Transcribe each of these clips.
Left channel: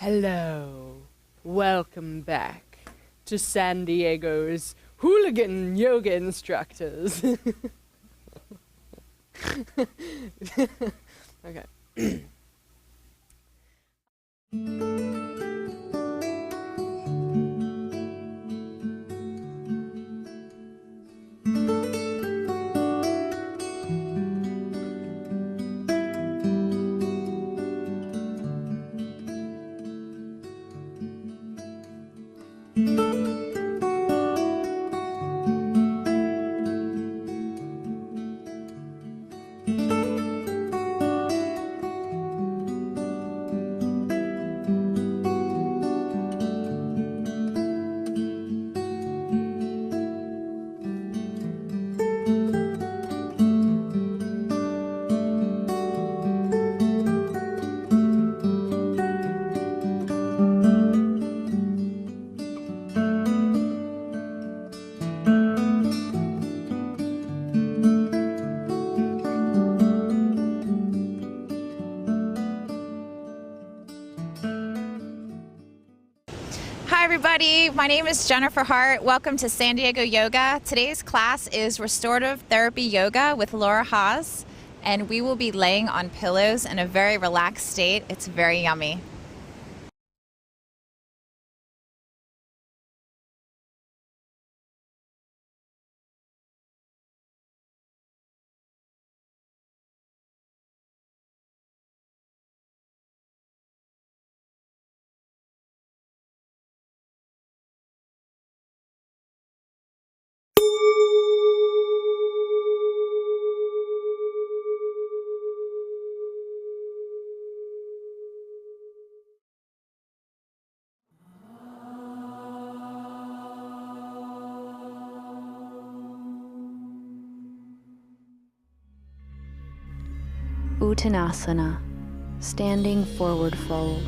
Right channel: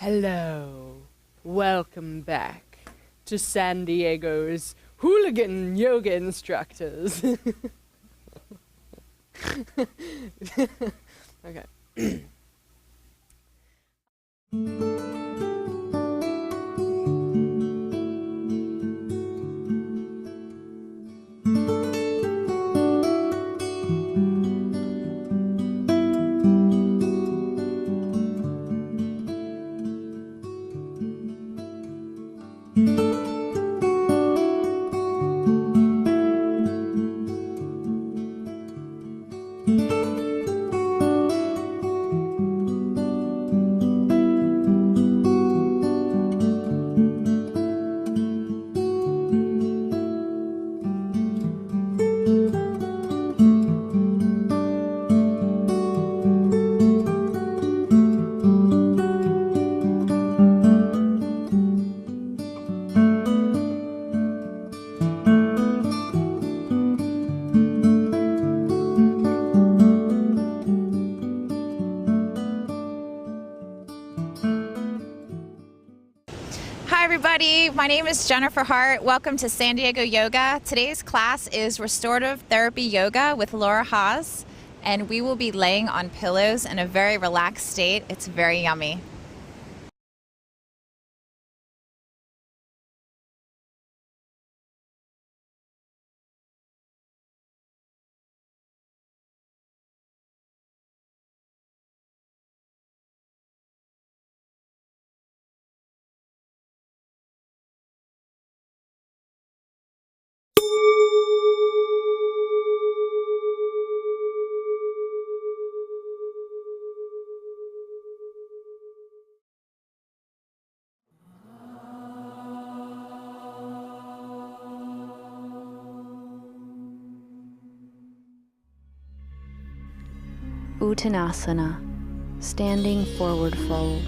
Hello, welcome back to San Diego's Hooligan Yoga Instructors. Okay. Uttanasana, standing forward fold.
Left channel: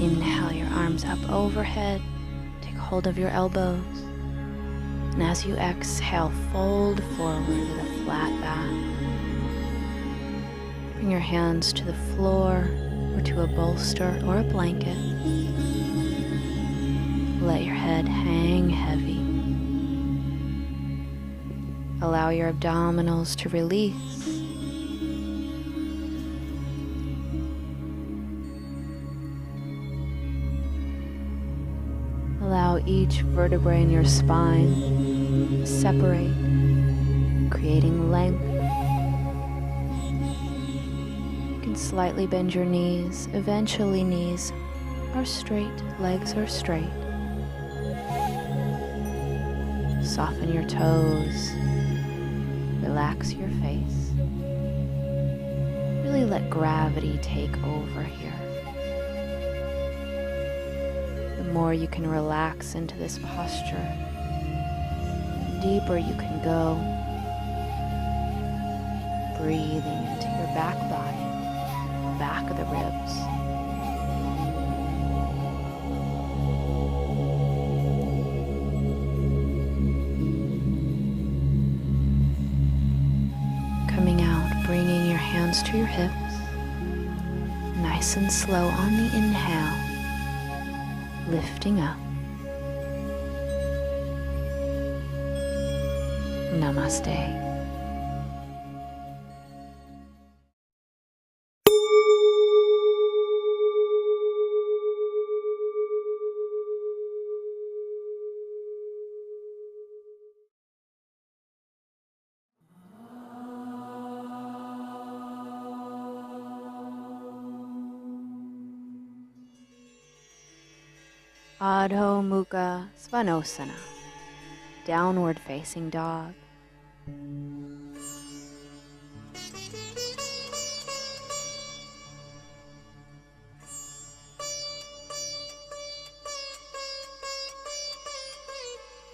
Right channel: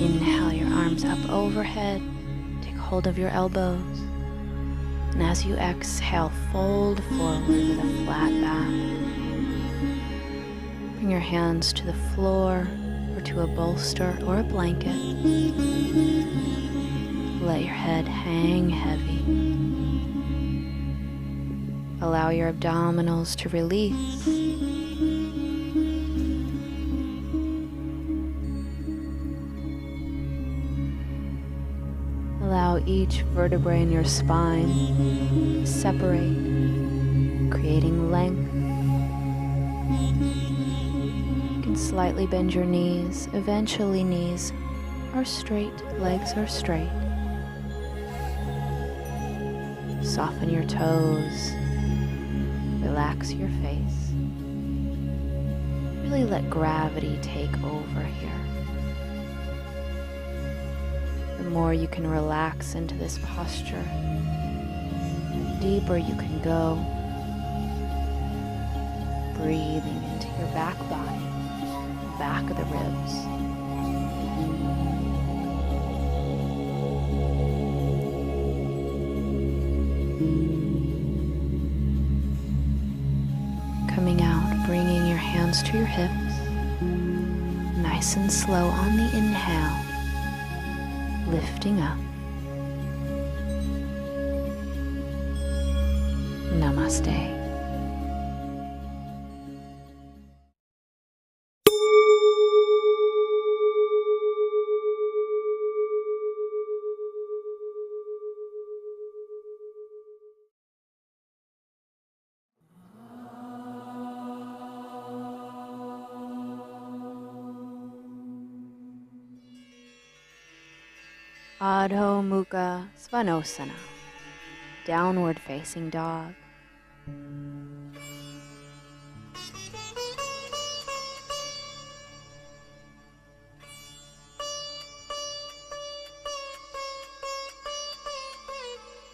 Inhale your arms up overhead, take hold of your elbows, and as you exhale, fold forward with a flat back. Bring your hands to the floor or to a bolster or a blanket. Let your head hang heavy. Allow your abdominals to release. Allow each vertebrae in your spine to separate, creating length. You can slightly bend your knees. Eventually, knees are straight, legs are straight. Soften your toes, relax your face. Really let gravity take over here. The more you can relax into this posture, the deeper you can go. Breathing into your back body, back of the ribs. Coming out, bringing your hands to your hips, nice and slow on the inhale, lifting up. Namaste. Adho Mukha Svanasana, downward facing dog.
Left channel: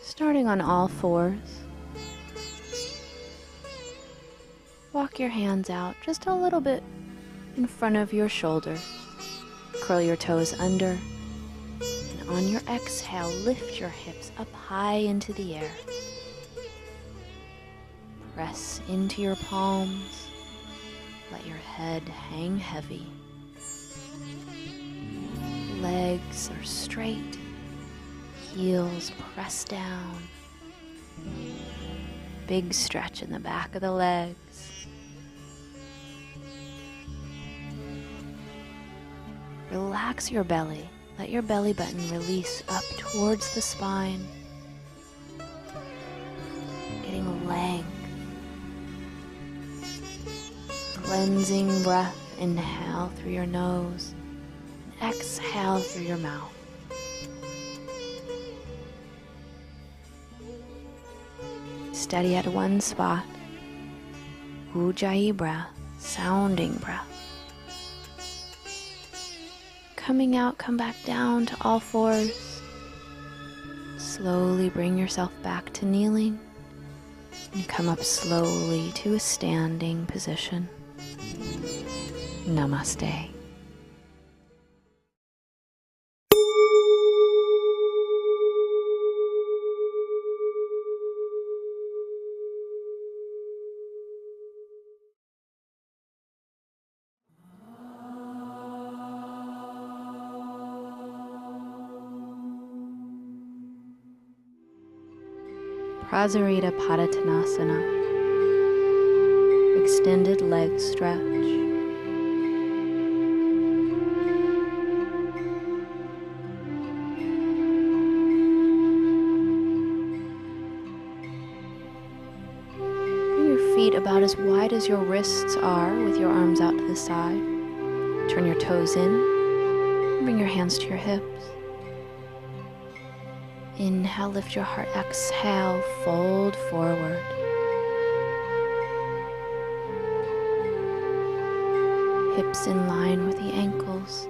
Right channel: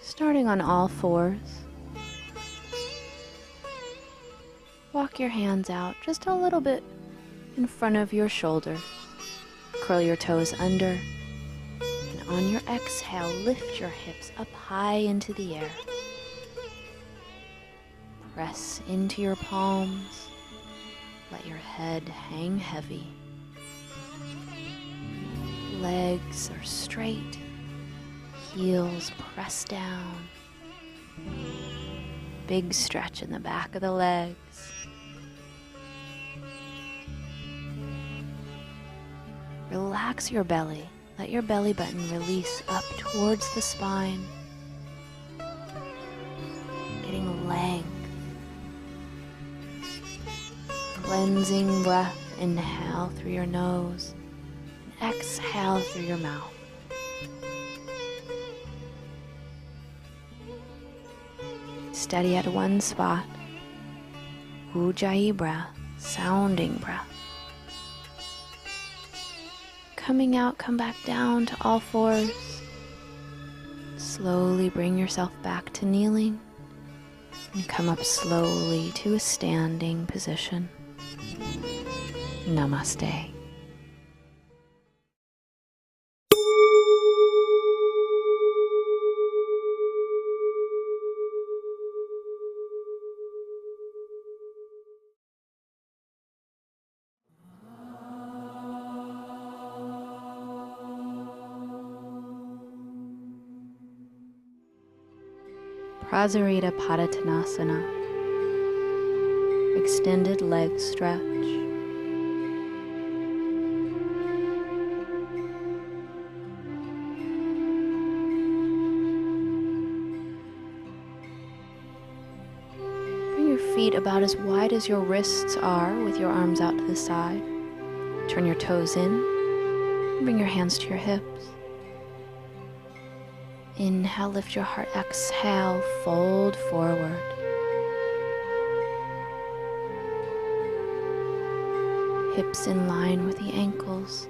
Starting on all fours, walk your hands out just a little bit in front of your shoulders. Curl your toes under and on your exhale, lift your hips up high into the air. Press into your palms. Let your head hang heavy. Legs are straight. Heels press down. Big stretch in the back of the legs. Relax your belly. Let your belly button release up towards the spine, getting length. Cleansing breath, inhale through your nose and exhale through your mouth. Steady at one spot. Ujjayi breath, sounding breath. Coming out, come back down to all fours. Slowly bring yourself back to kneeling and come up slowly to a standing position. Namaste. Prasarita Padottanasana. Extended leg stretch. Bring your feet about as wide as your wrists are with your arms out to the side. Turn your toes in and bring your hands to your hips. Inhale, lift your heart. Exhale, fold forward. Hips in line with the ankles.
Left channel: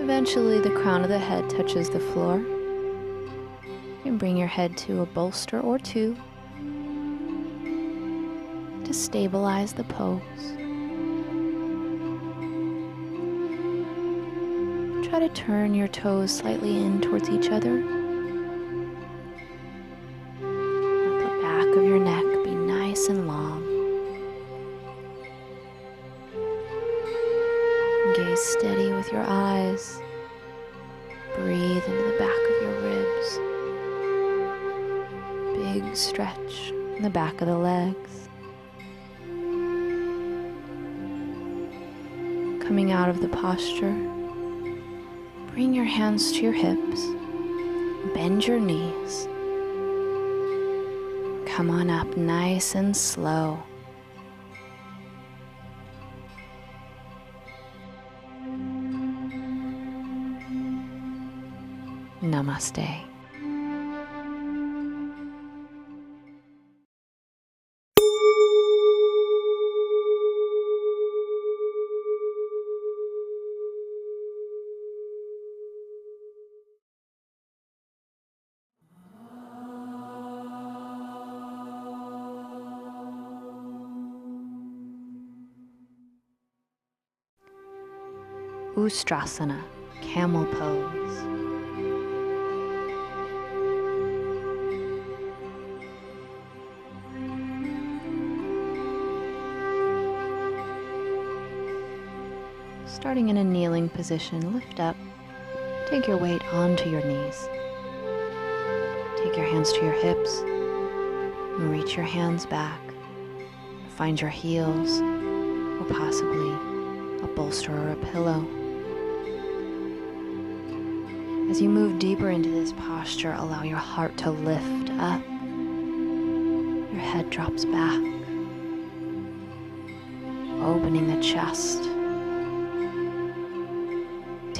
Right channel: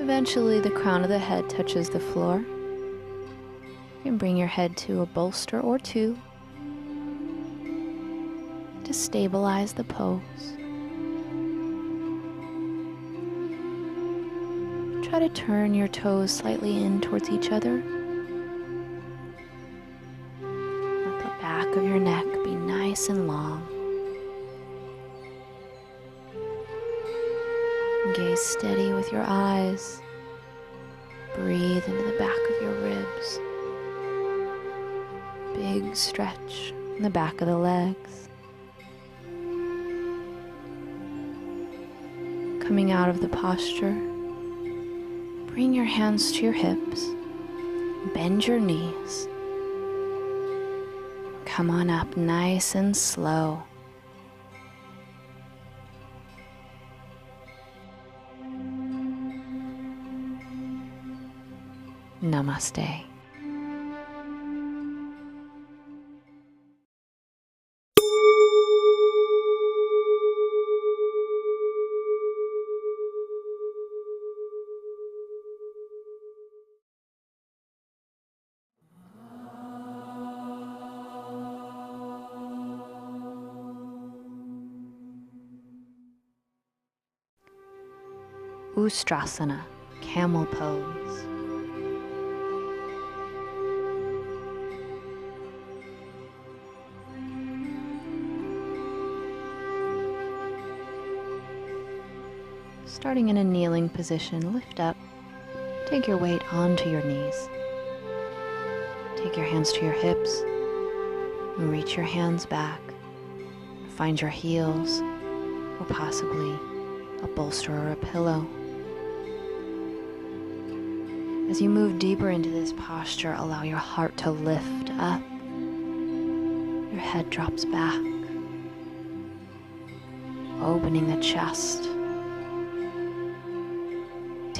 Eventually, the crown of the head touches the floor. You can bring your head to a bolster or two to stabilize the pose. Try to turn your toes slightly in towards each other. Let the back of your neck be nice and long. Gaze steady with your eyes. Breathe into the back of your ribs. Big stretch in the back of the legs. Coming out of the posture, bring your hands to your hips, bend your knees. Come on up nice and slow. Namaste. Ustrasana, camel pose. Starting in a kneeling position, lift up. Take your weight onto your knees. Take your hands to your hips and reach your hands back. Find your heels or possibly a bolster or a pillow. As you move deeper into this posture, allow your heart to lift up. Your head drops back, opening the chest.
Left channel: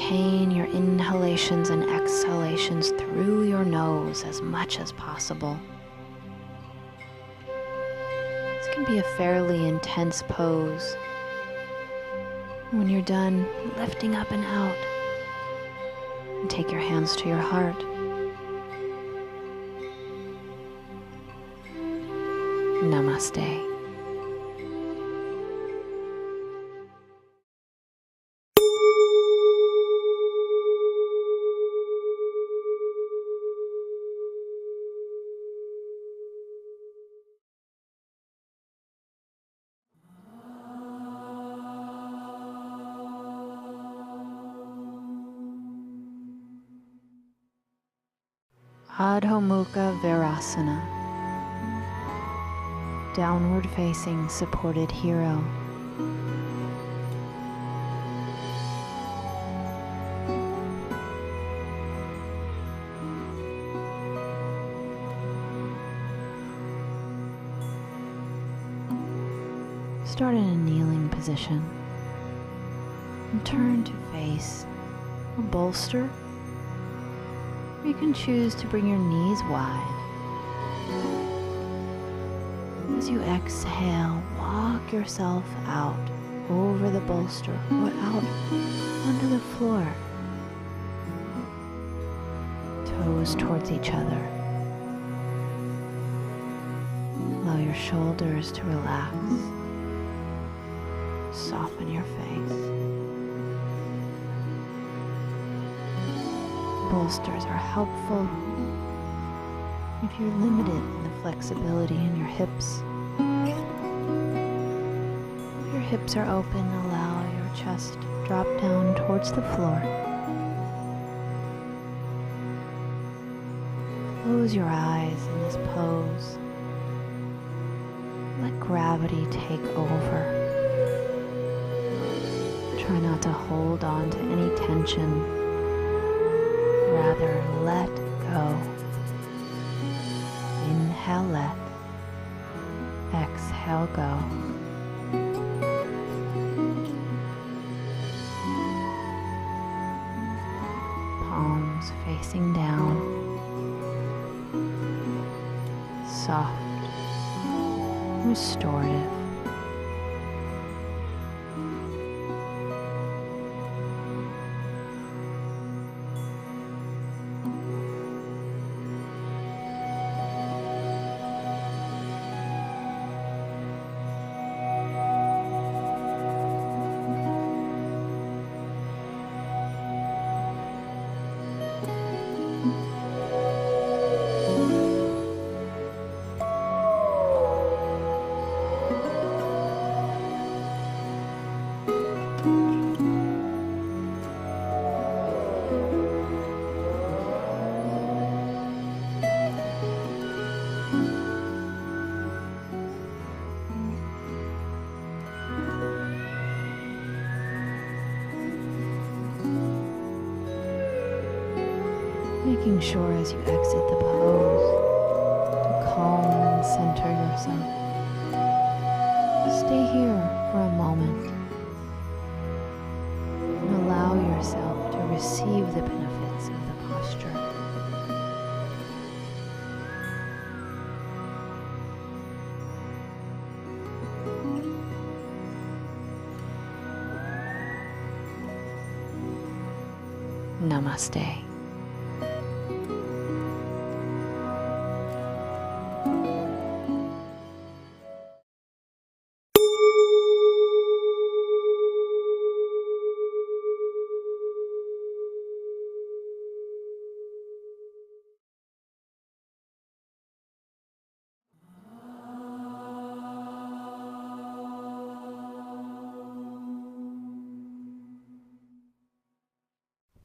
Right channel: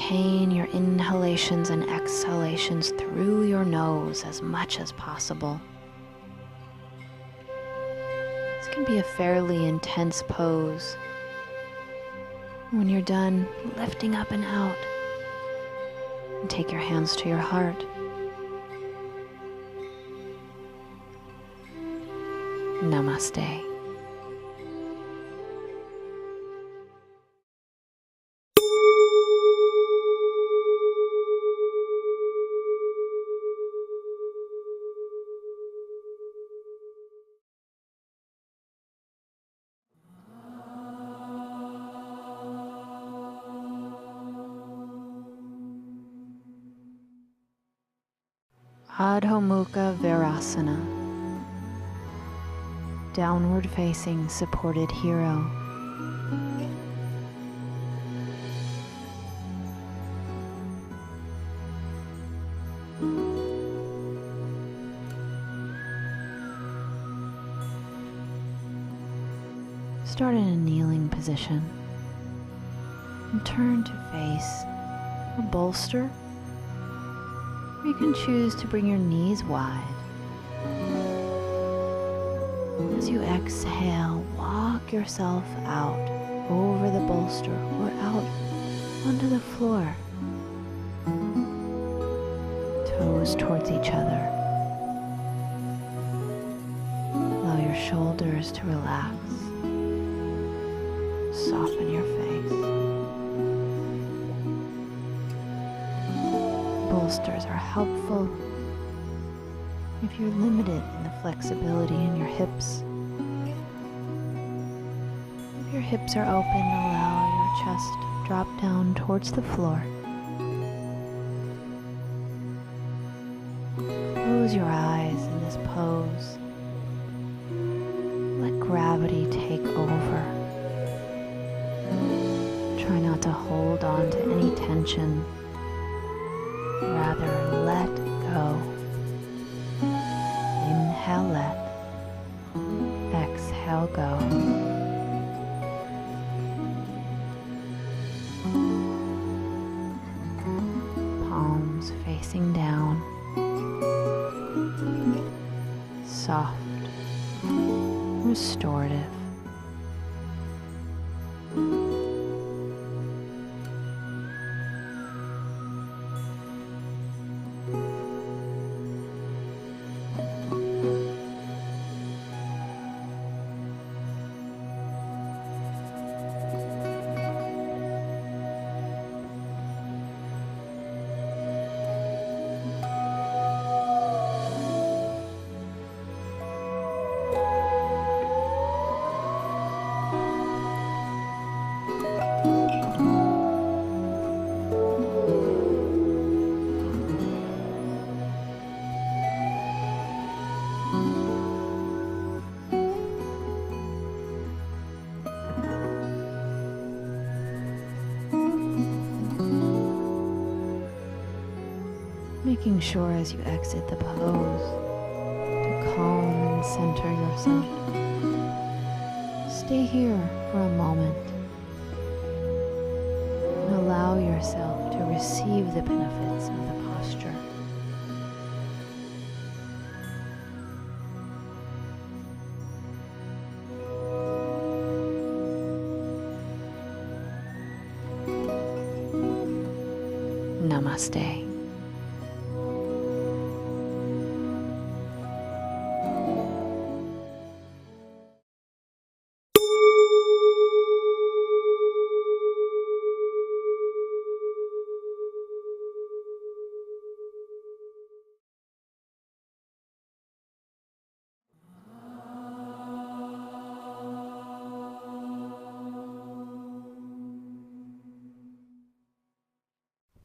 Maintain your inhalations and exhalations through your nose as much as possible. This can be a fairly intense pose. When you're done, lifting up and out, and take your hands to your heart. Namaste. Adho Mukha Virasana. Downward facing supported hero. Start in a kneeling position and turn to face a bolster. Or you can choose to bring your knees wide. As you exhale, walk yourself out over the bolster or out onto the floor. Toes towards each other. Allow your shoulders to relax. Soften your face. Bolsters are helpful if you're limited in the flexibility in your hips. If your hips are open, allow your chest to drop down towards the floor. Close your eyes in this pose. Let gravity take over. Try not to hold on to any tension. Rather, let go. Inhale, let. Exhale, go. Palms facing down. Soft. Restorative. Making sure as you exit the pose to calm and center yourself. Stay here for a moment and allow yourself to receive the benefits of the posture. Namaste.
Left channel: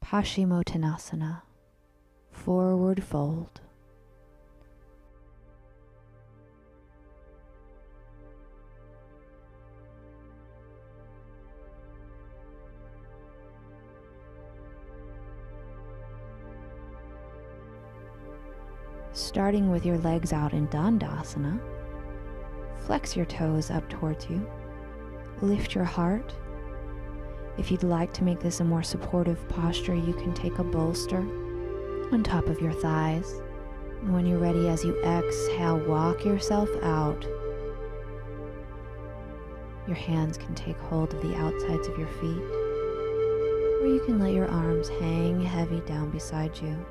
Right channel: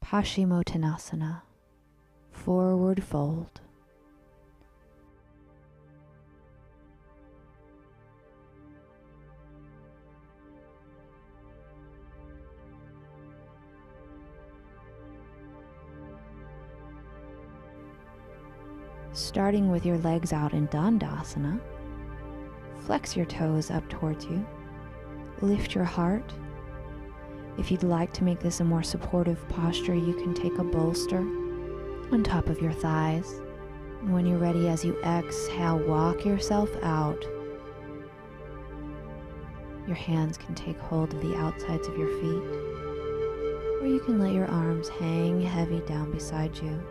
Paschimottanasana, forward fold. Starting with your legs out in Dandasana, flex your toes up towards you, lift your heart. If you'd like to make this a more supportive posture, you can take a bolster on top of your thighs. And when you're ready, as you exhale, walk yourself out. Your hands can take hold of the outsides of your feet, or you can let your arms hang heavy down beside you.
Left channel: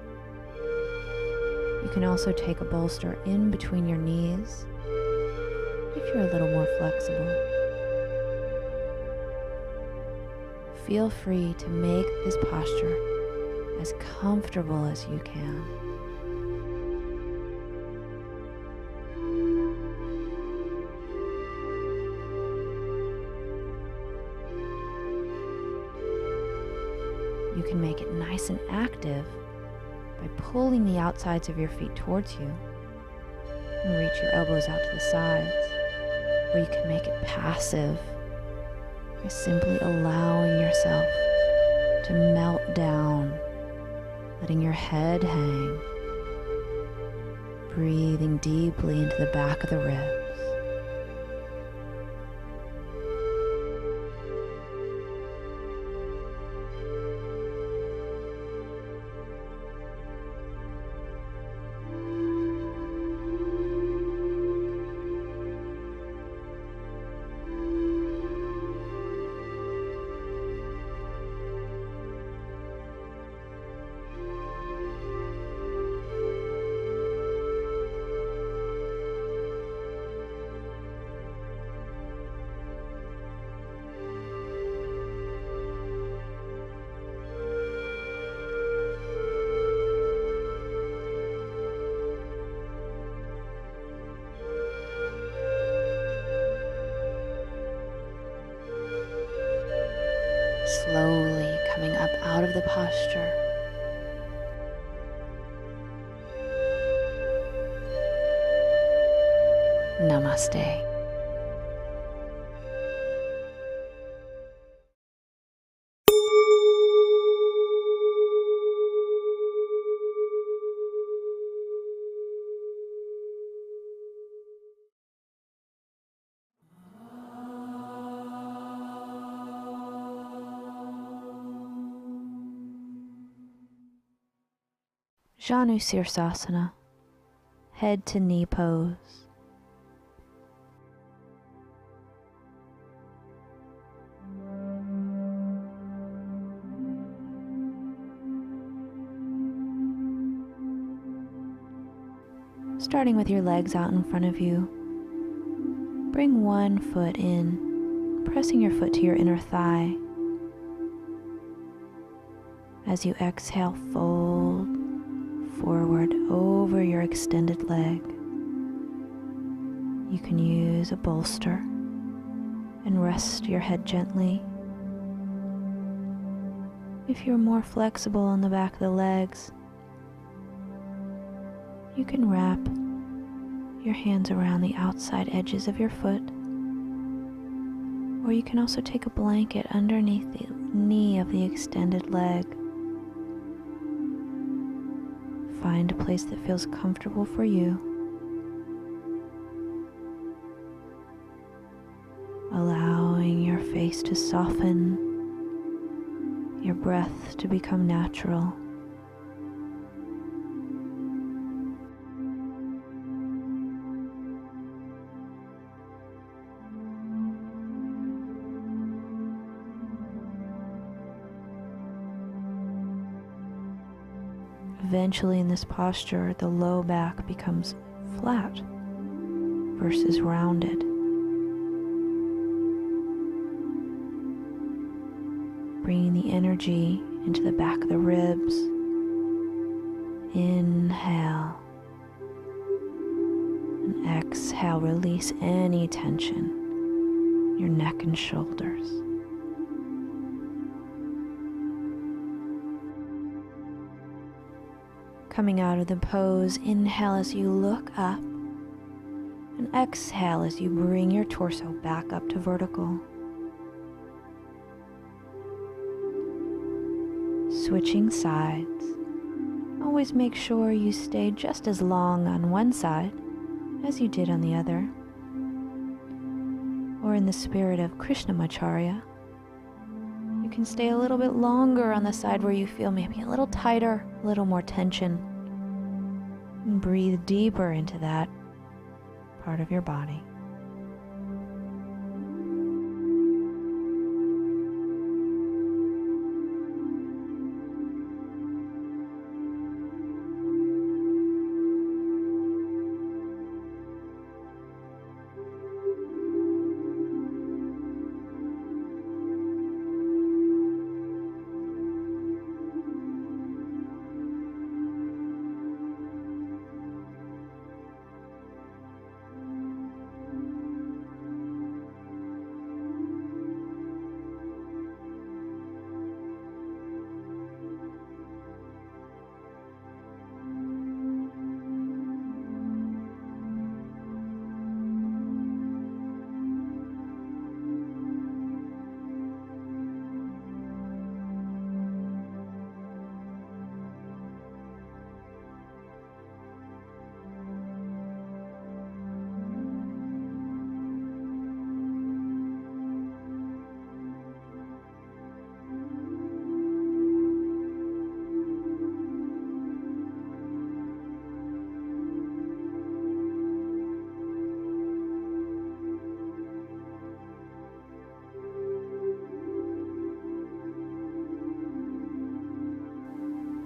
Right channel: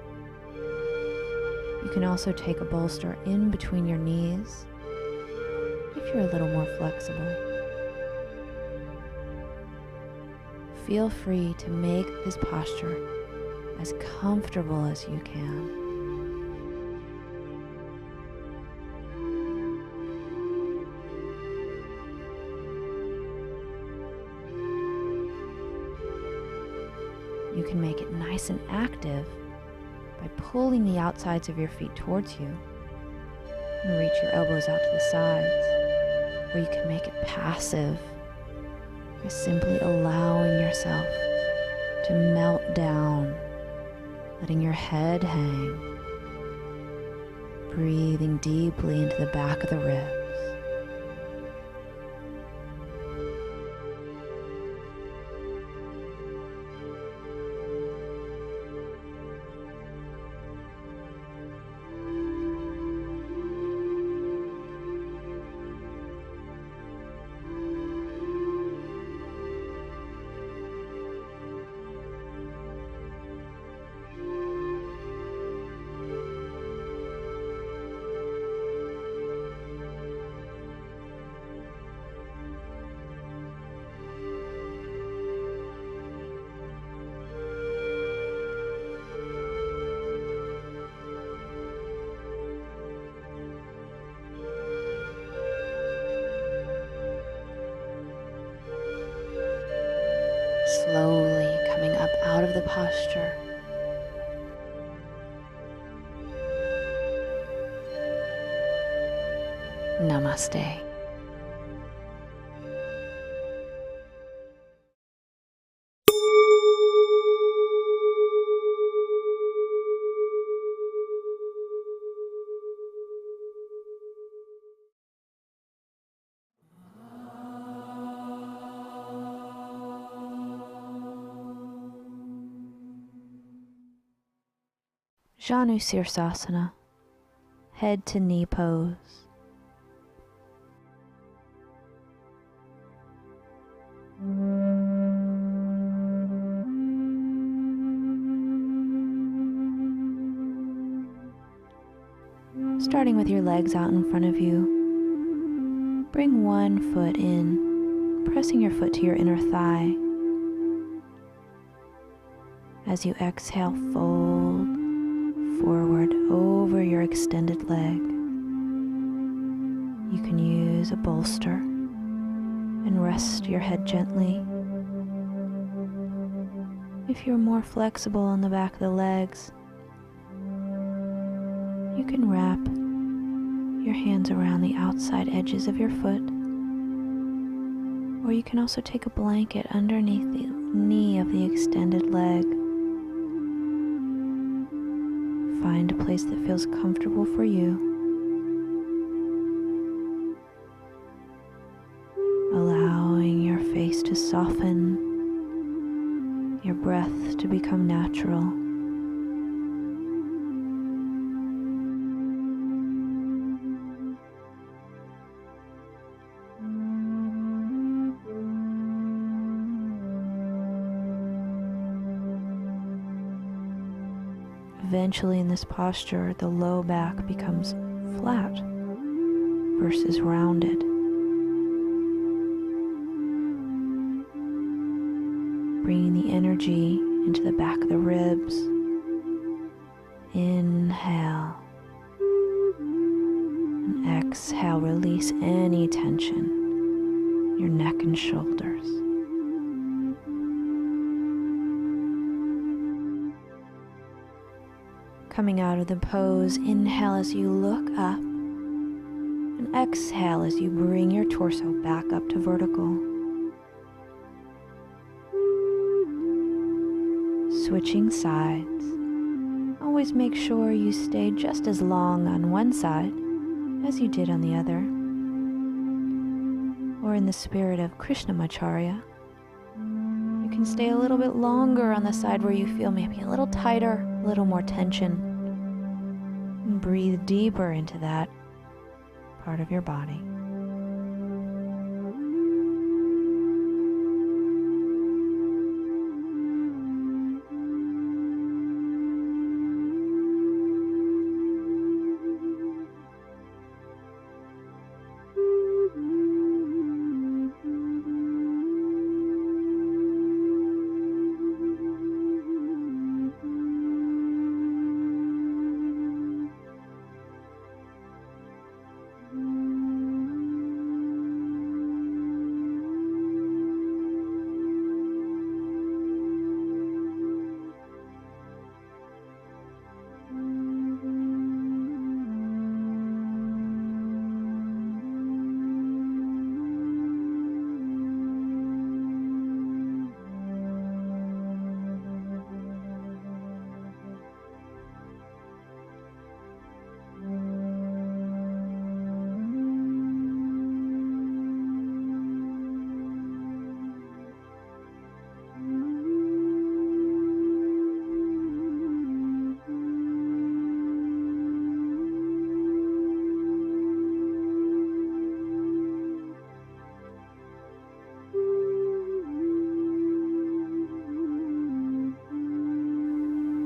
You can also take a bolster in between your knees if you're a little more flexible. Feel free to make this posture as comfortable as you can. You can make it nice and active by pulling the outsides of your feet towards you. And reach your elbows out to the sides, or you can make it passive by simply allowing yourself to melt down, letting your head hang, breathing deeply into the back of the ribs. Slowly coming up out of the posture. Namaste. Janu Sirsasana, head to knee pose. Starting with your legs out in front of you, bring one foot in, pressing your foot to your inner thigh. As you exhale, fold forward over your extended leg. You can use a bolster and rest your head gently. If you're more flexible on the back of the legs, you can wrap your hands around the outside edges of your foot, or you can also take a blanket underneath the knee of the extended leg. Find a place that feels comfortable for you. Allowing your face to soften, your breath to become natural. Eventually in this posture, the low back becomes flat versus rounded. Bringing the energy into the back of the ribs. Inhale. And exhale, release any tension in your neck and shoulders. Coming out of the pose, inhale as you look up, and exhale as you bring your torso back up to vertical. Switching sides. Always make sure you stay just as long on one side as you did on the other. Or in the spirit of Krishnamacharya, you can stay a little bit longer on the side where you feel maybe a little tighter, a little more tension. And breathe deeper into that part of your body.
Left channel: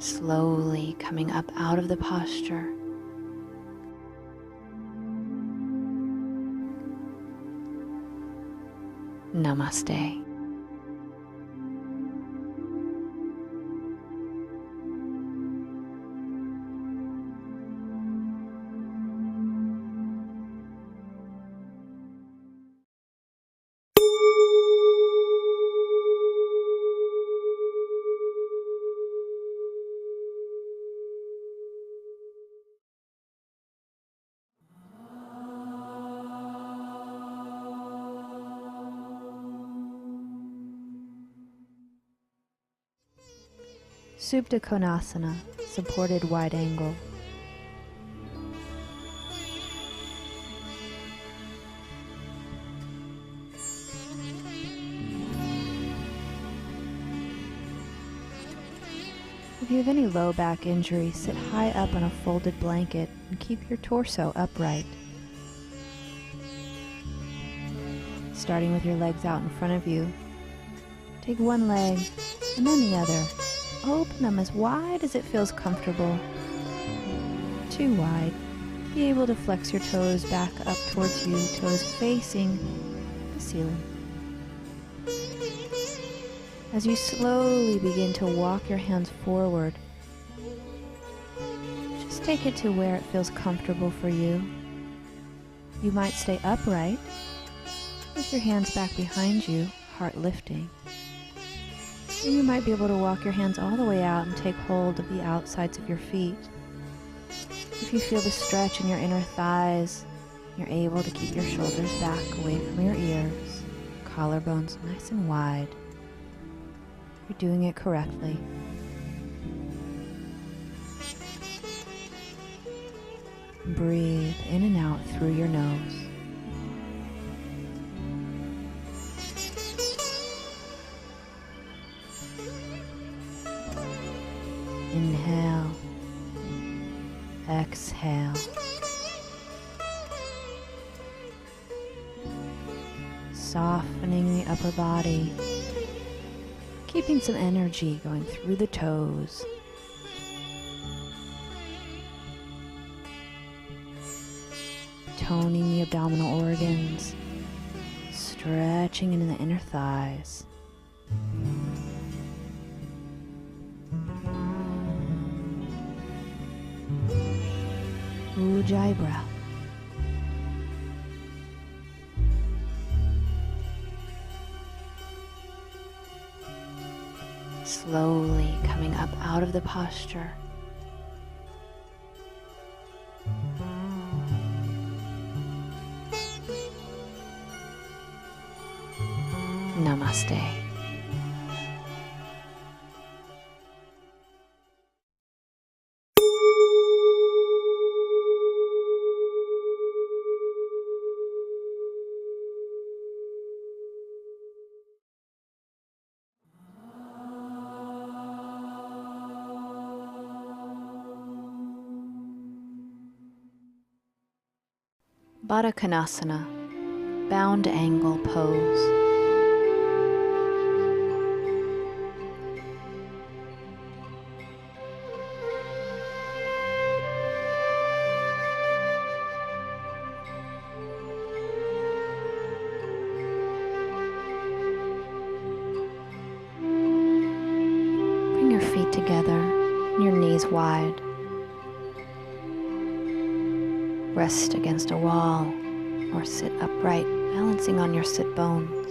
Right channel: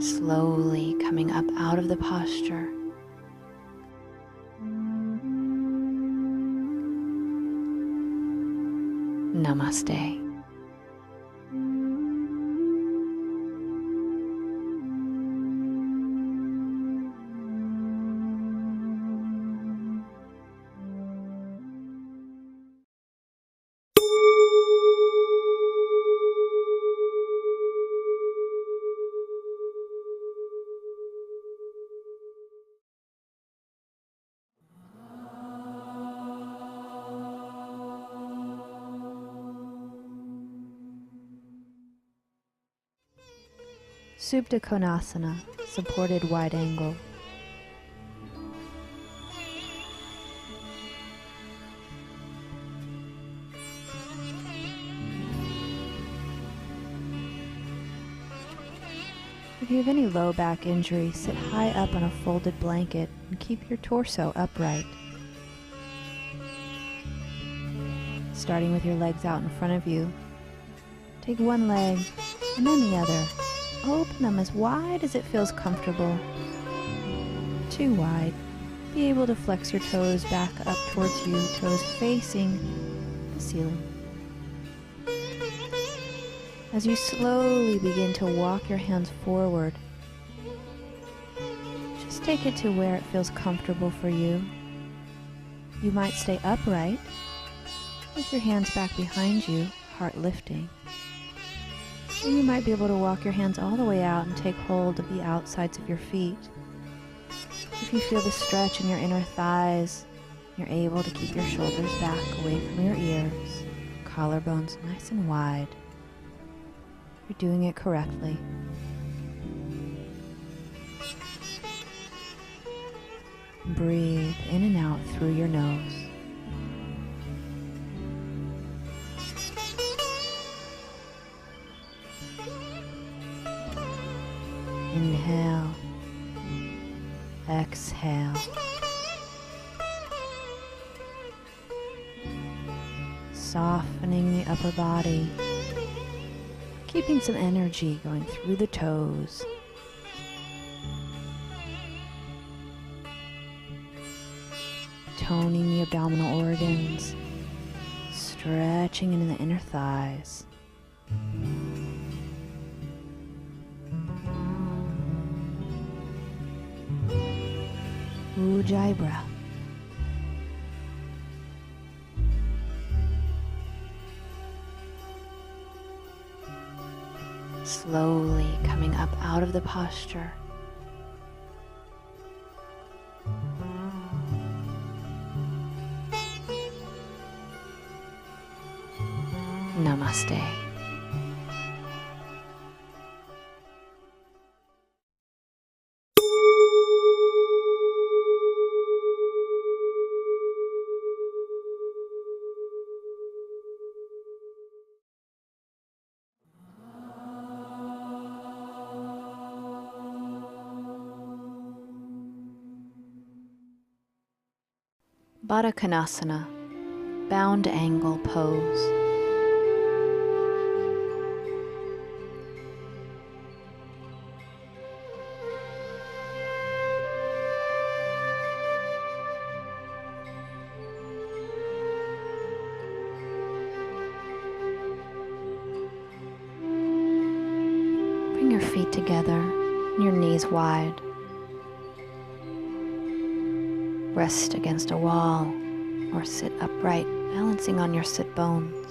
Slowly coming up out of the posture. Namaste. Supta Konasana, supported wide angle. If you have any low back injury, sit high up on a folded blanket and keep your torso upright. Starting with your legs out in front of you, take one leg and then the other. Open them as wide as it feels comfortable. Too wide. Be able to flex your toes back up towards you, toes facing the ceiling. As you slowly begin to walk your hands forward, just take it to where it feels comfortable for you. You might stay upright with your hands back behind you, heart lifting. Or you might be able to walk your hands all the way out and take hold of the outsides of your feet. If you feel the stretch in your inner thighs, you're able to keep your shoulders back away from your ears, collarbones nice and wide. You're doing it correctly. Breathe in and out through your nose. Inhale, exhale. Softening the upper body, keeping some energy going through the toes. Toning the abdominal organs, stretching into the inner thighs. Ujjayi breath. Slowly coming up out of the posture. Namaste. Baddha Konasana, bound angle pose. Bring your feet together and your knees wide. Rest against a wall or sit upright, balancing on your sit bones.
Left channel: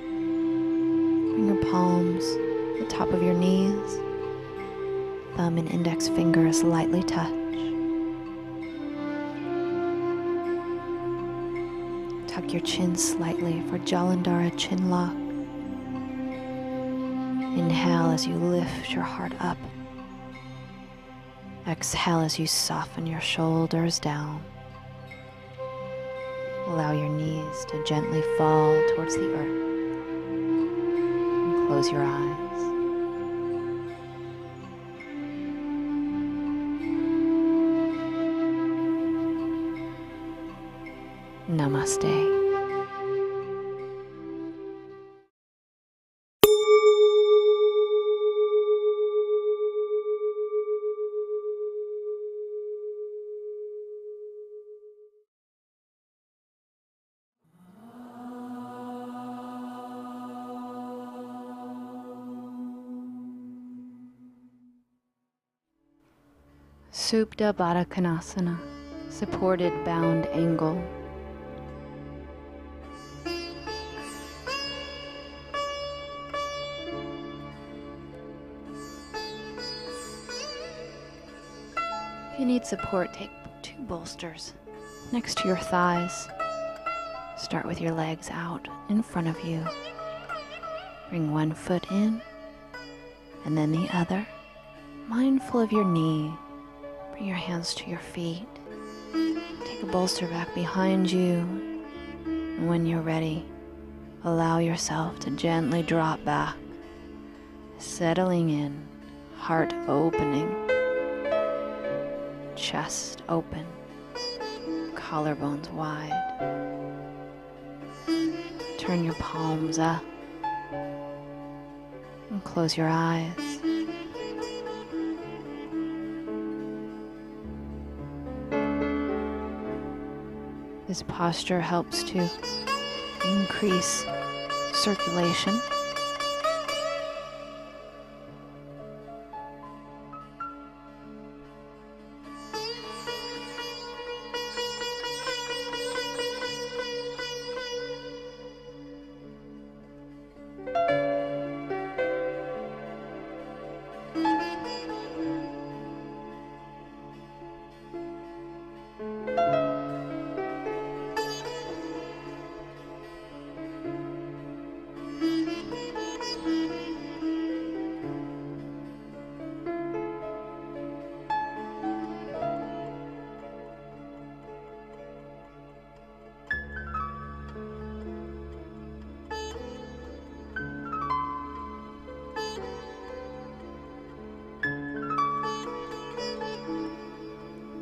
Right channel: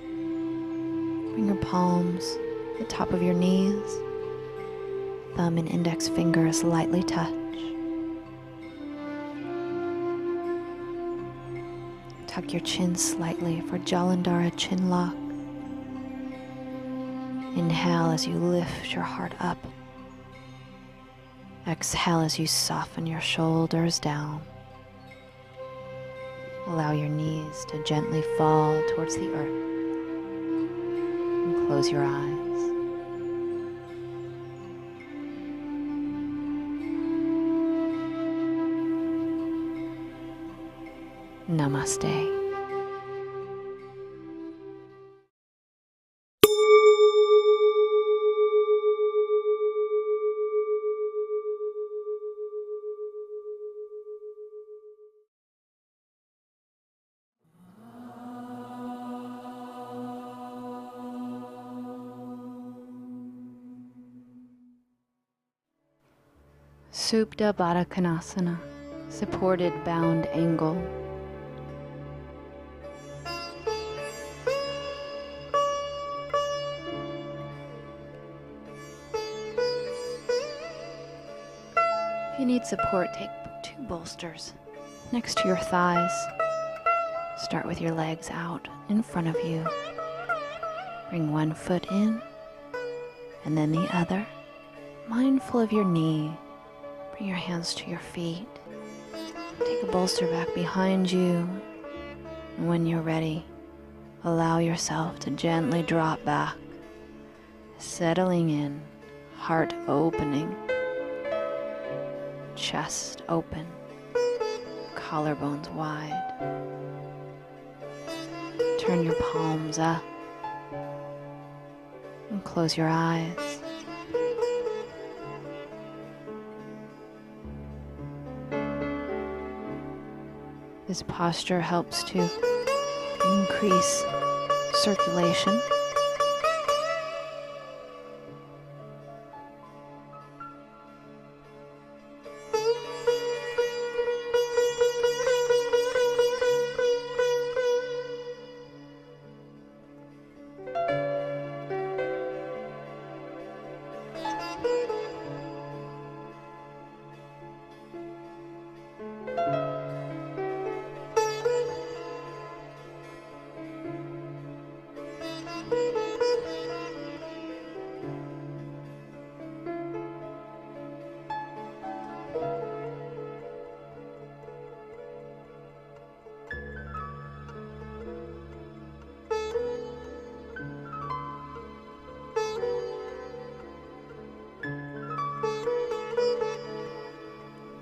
Bring your palms to the top of your knees. Thumb and index fingers lightly touch. Tuck your chin slightly for Jalandhara chin lock. Inhale as you lift your heart up. Exhale as you soften your shoulders down. Allow your knees to gently fall towards the earth. And close your eyes. Namaste. Supta Baddha Konasana, supported bound angle. If you need support, take 2 bolsters next to your thighs. Start with your legs out in front of you. Bring one foot in and then the other. Mindful of your knee, bring your hands to your feet. Take a bolster back behind you. And when you're ready, allow yourself to gently drop back, settling in, heart opening, chest open, collarbones wide. Turn your palms up and close your eyes. This posture helps to increase circulation.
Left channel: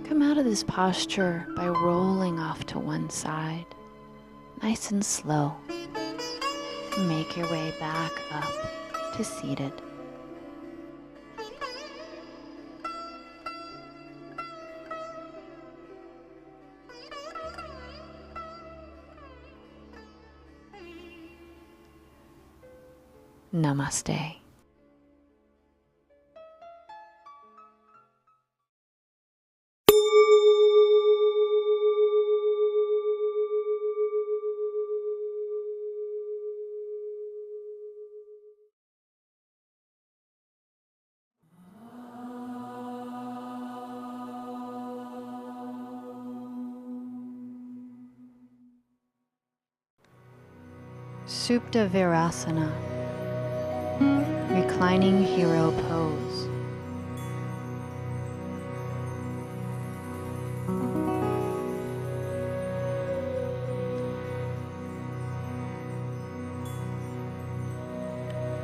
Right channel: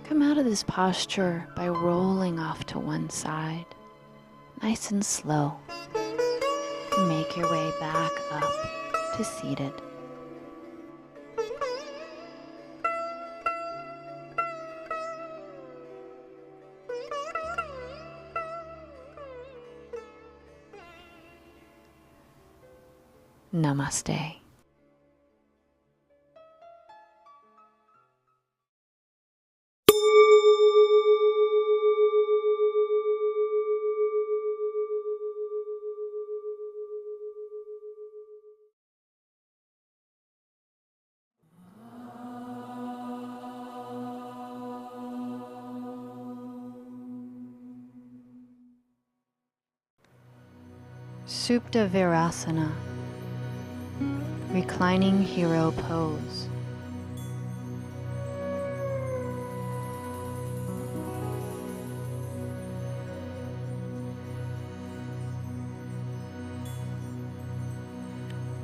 Come out of this posture by rolling off to one side, nice and slow. Make your way back up to seated. Namaste. Supta Virasana, reclining hero pose.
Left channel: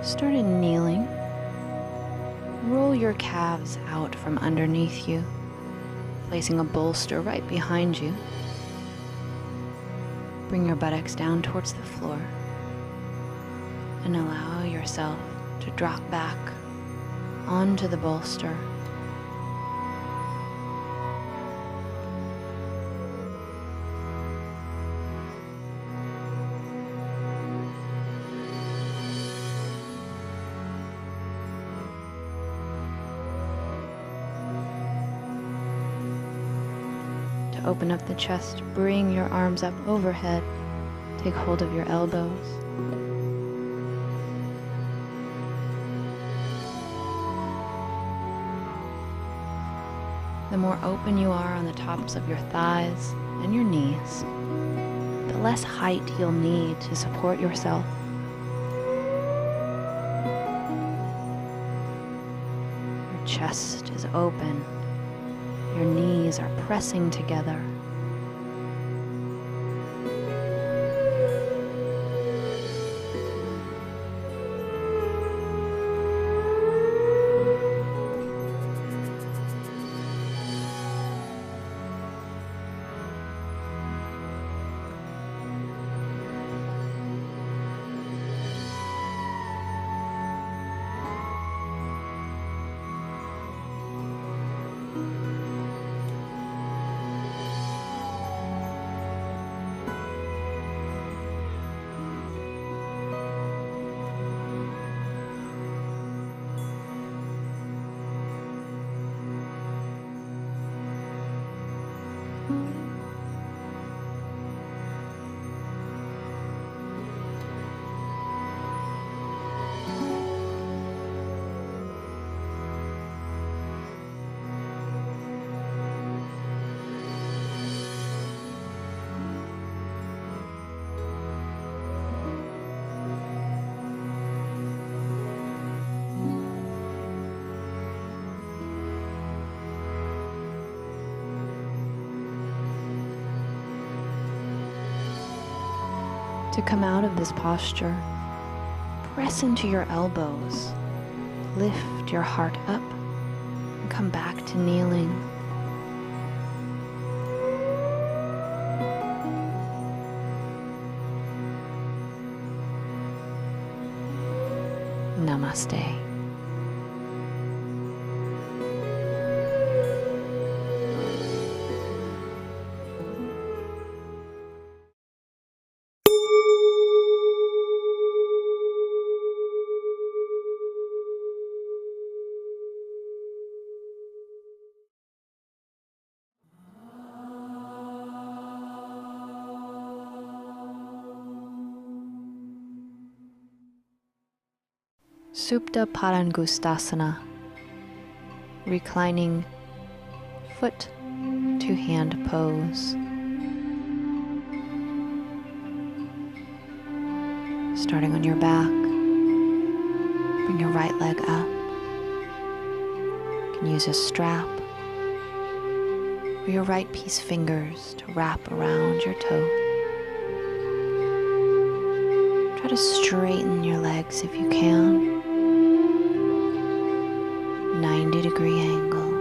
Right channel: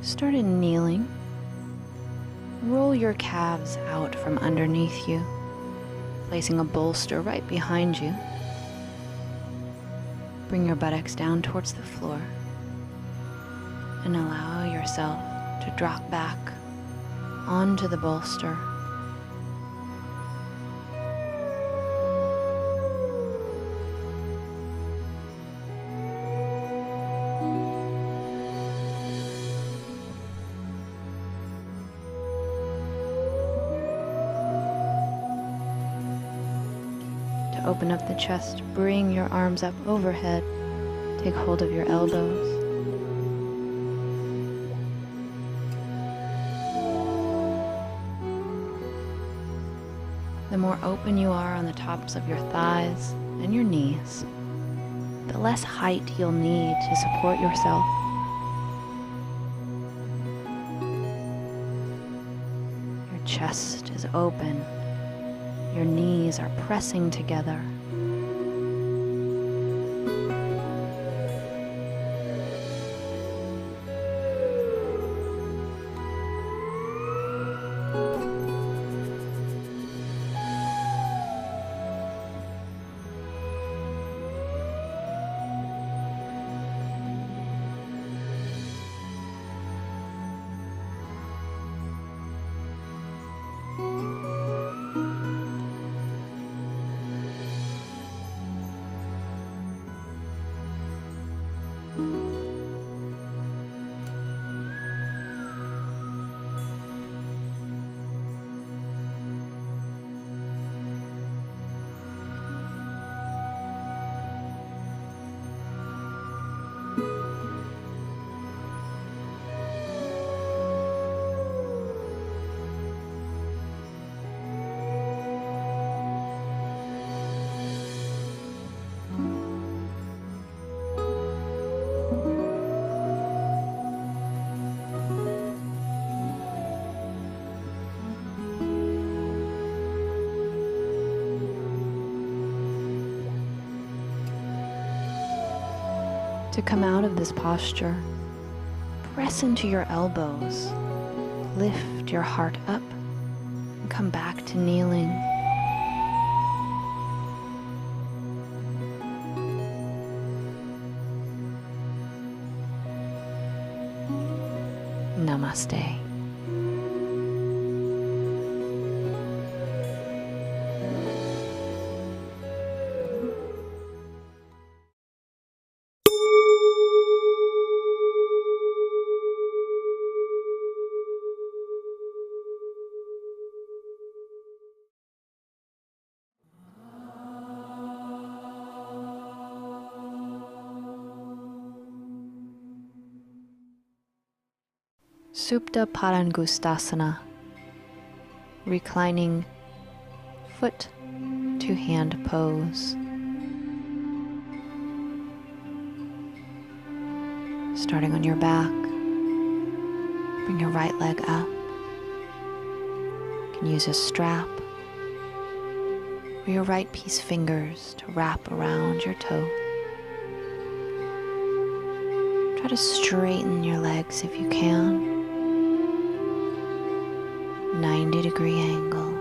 Start in kneeling. Roll your calves out from underneath you, placing a bolster right behind you. Bring your buttocks down towards the floor and allow yourself to drop back onto the bolster. To open up the chest, bring your arms up overhead. Take hold of your elbows. The more open you are on the tops of your thighs and your knees, the less height you'll need to support yourself. Your chest is open. Your knees are pressing together. To come out of this posture, press into your elbows, lift your heart up, and come back to kneeling. Namaste. Supta Padangustasana, reclining foot to hand pose. Starting on your back, bring your right leg up. You can use a strap or your right piece fingers to wrap around your toe. Try to straighten your legs if you can. 90-degree angle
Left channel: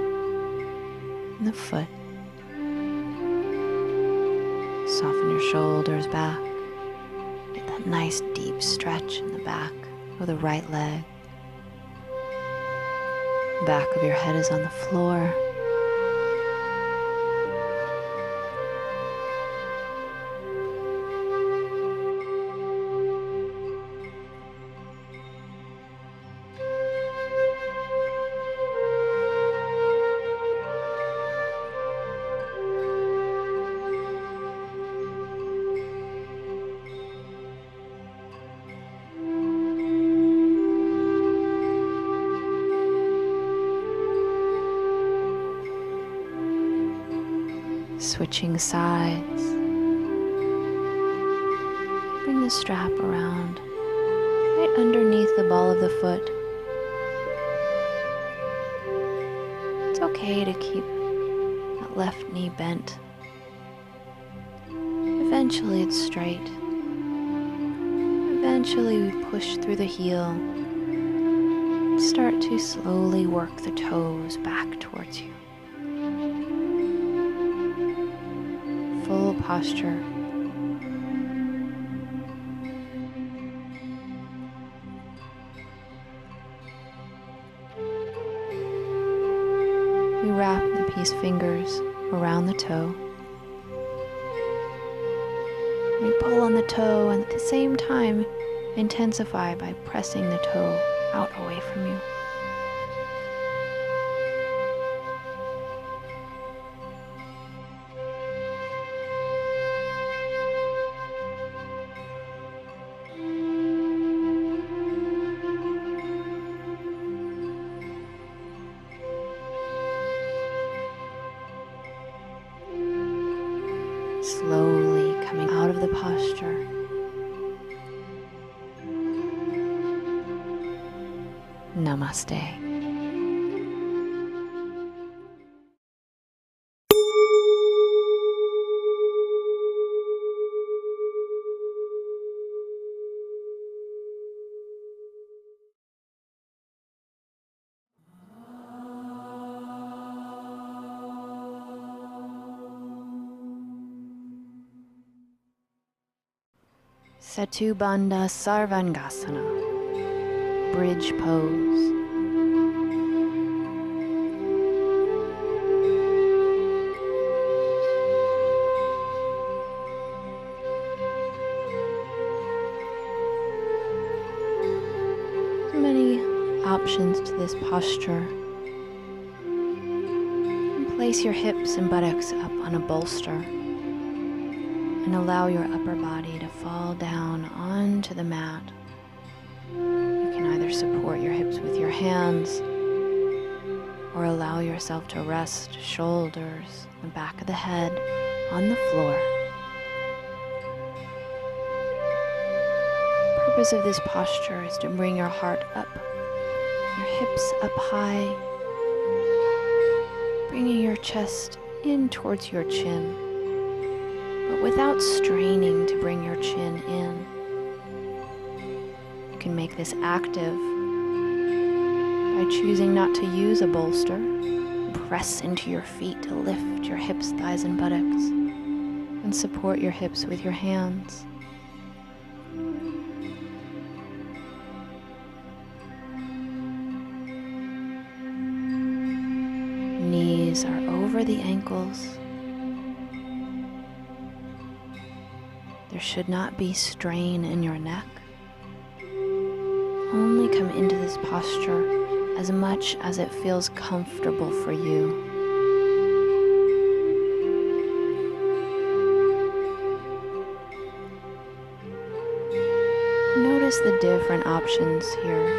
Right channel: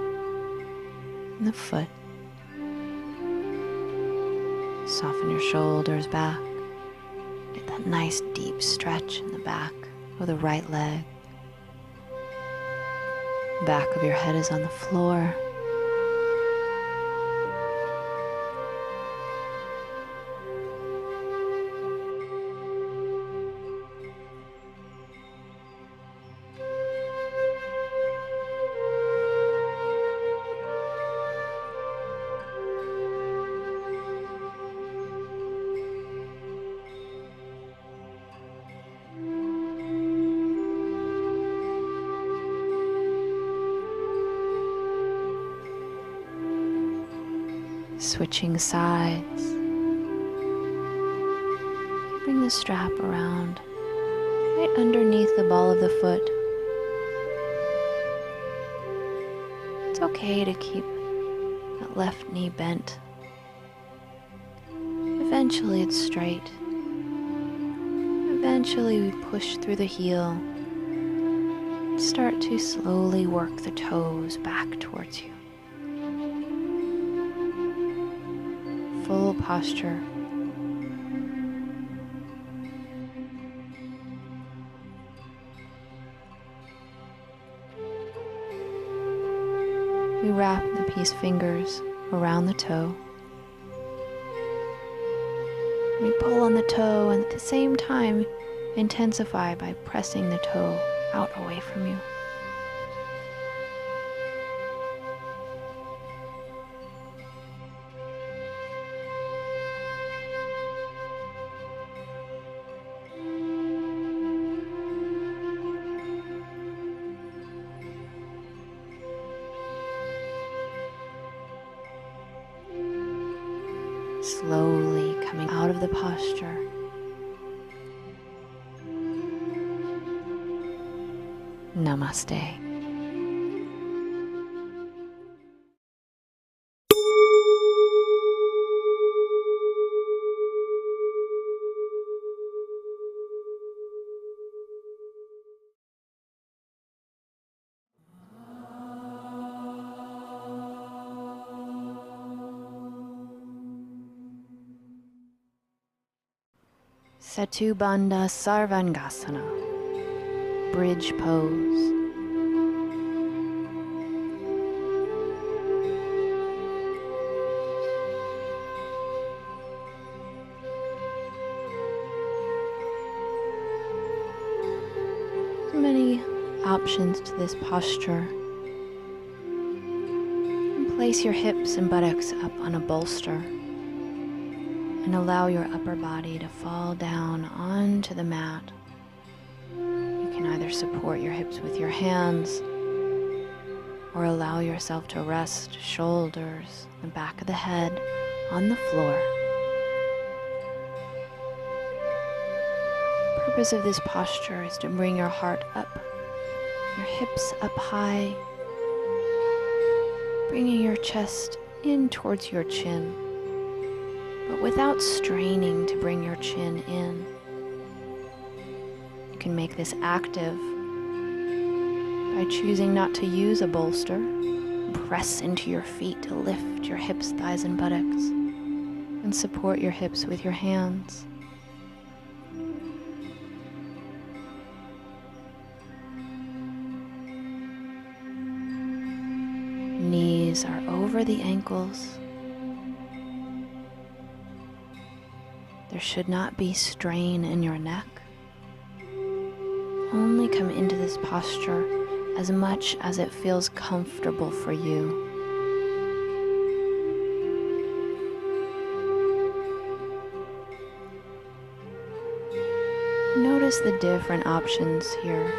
in the foot. Soften your shoulders back. Get that nice deep stretch in the back of the right leg. Back of your head is on the floor. Switching sides. Bring the strap around right underneath the ball of the foot. It's okay to keep that left knee bent. Eventually it's straight. Eventually we push through the heel. Start to slowly work the toes back towards you. Full posture. We wrap the piece fingers around the toe. We pull on the toe and at the same time intensify by pressing the toe out away from you. Slowly coming out of the posture. Namaste. Setu Bandha Sarvangasana, bridge pose. Many options to this posture. And place your hips and buttocks up on a bolster. And allow your upper body to fall down onto the mat. You can either support your hips with your hands or allow yourself to rest shoulders, the back of the head on the floor. The purpose of this posture is to bring your heart up, your hips up high, bringing your chest in towards your chin. but without straining to bring your chin in. You can make this active by choosing not to use a bolster. Press into your feet to lift your hips, thighs, and buttocks, and support your hips with your hands. Knees are over the ankles. There should not be strain in your neck. Only come into this posture as much as it feels comfortable for you. Notice the different options here.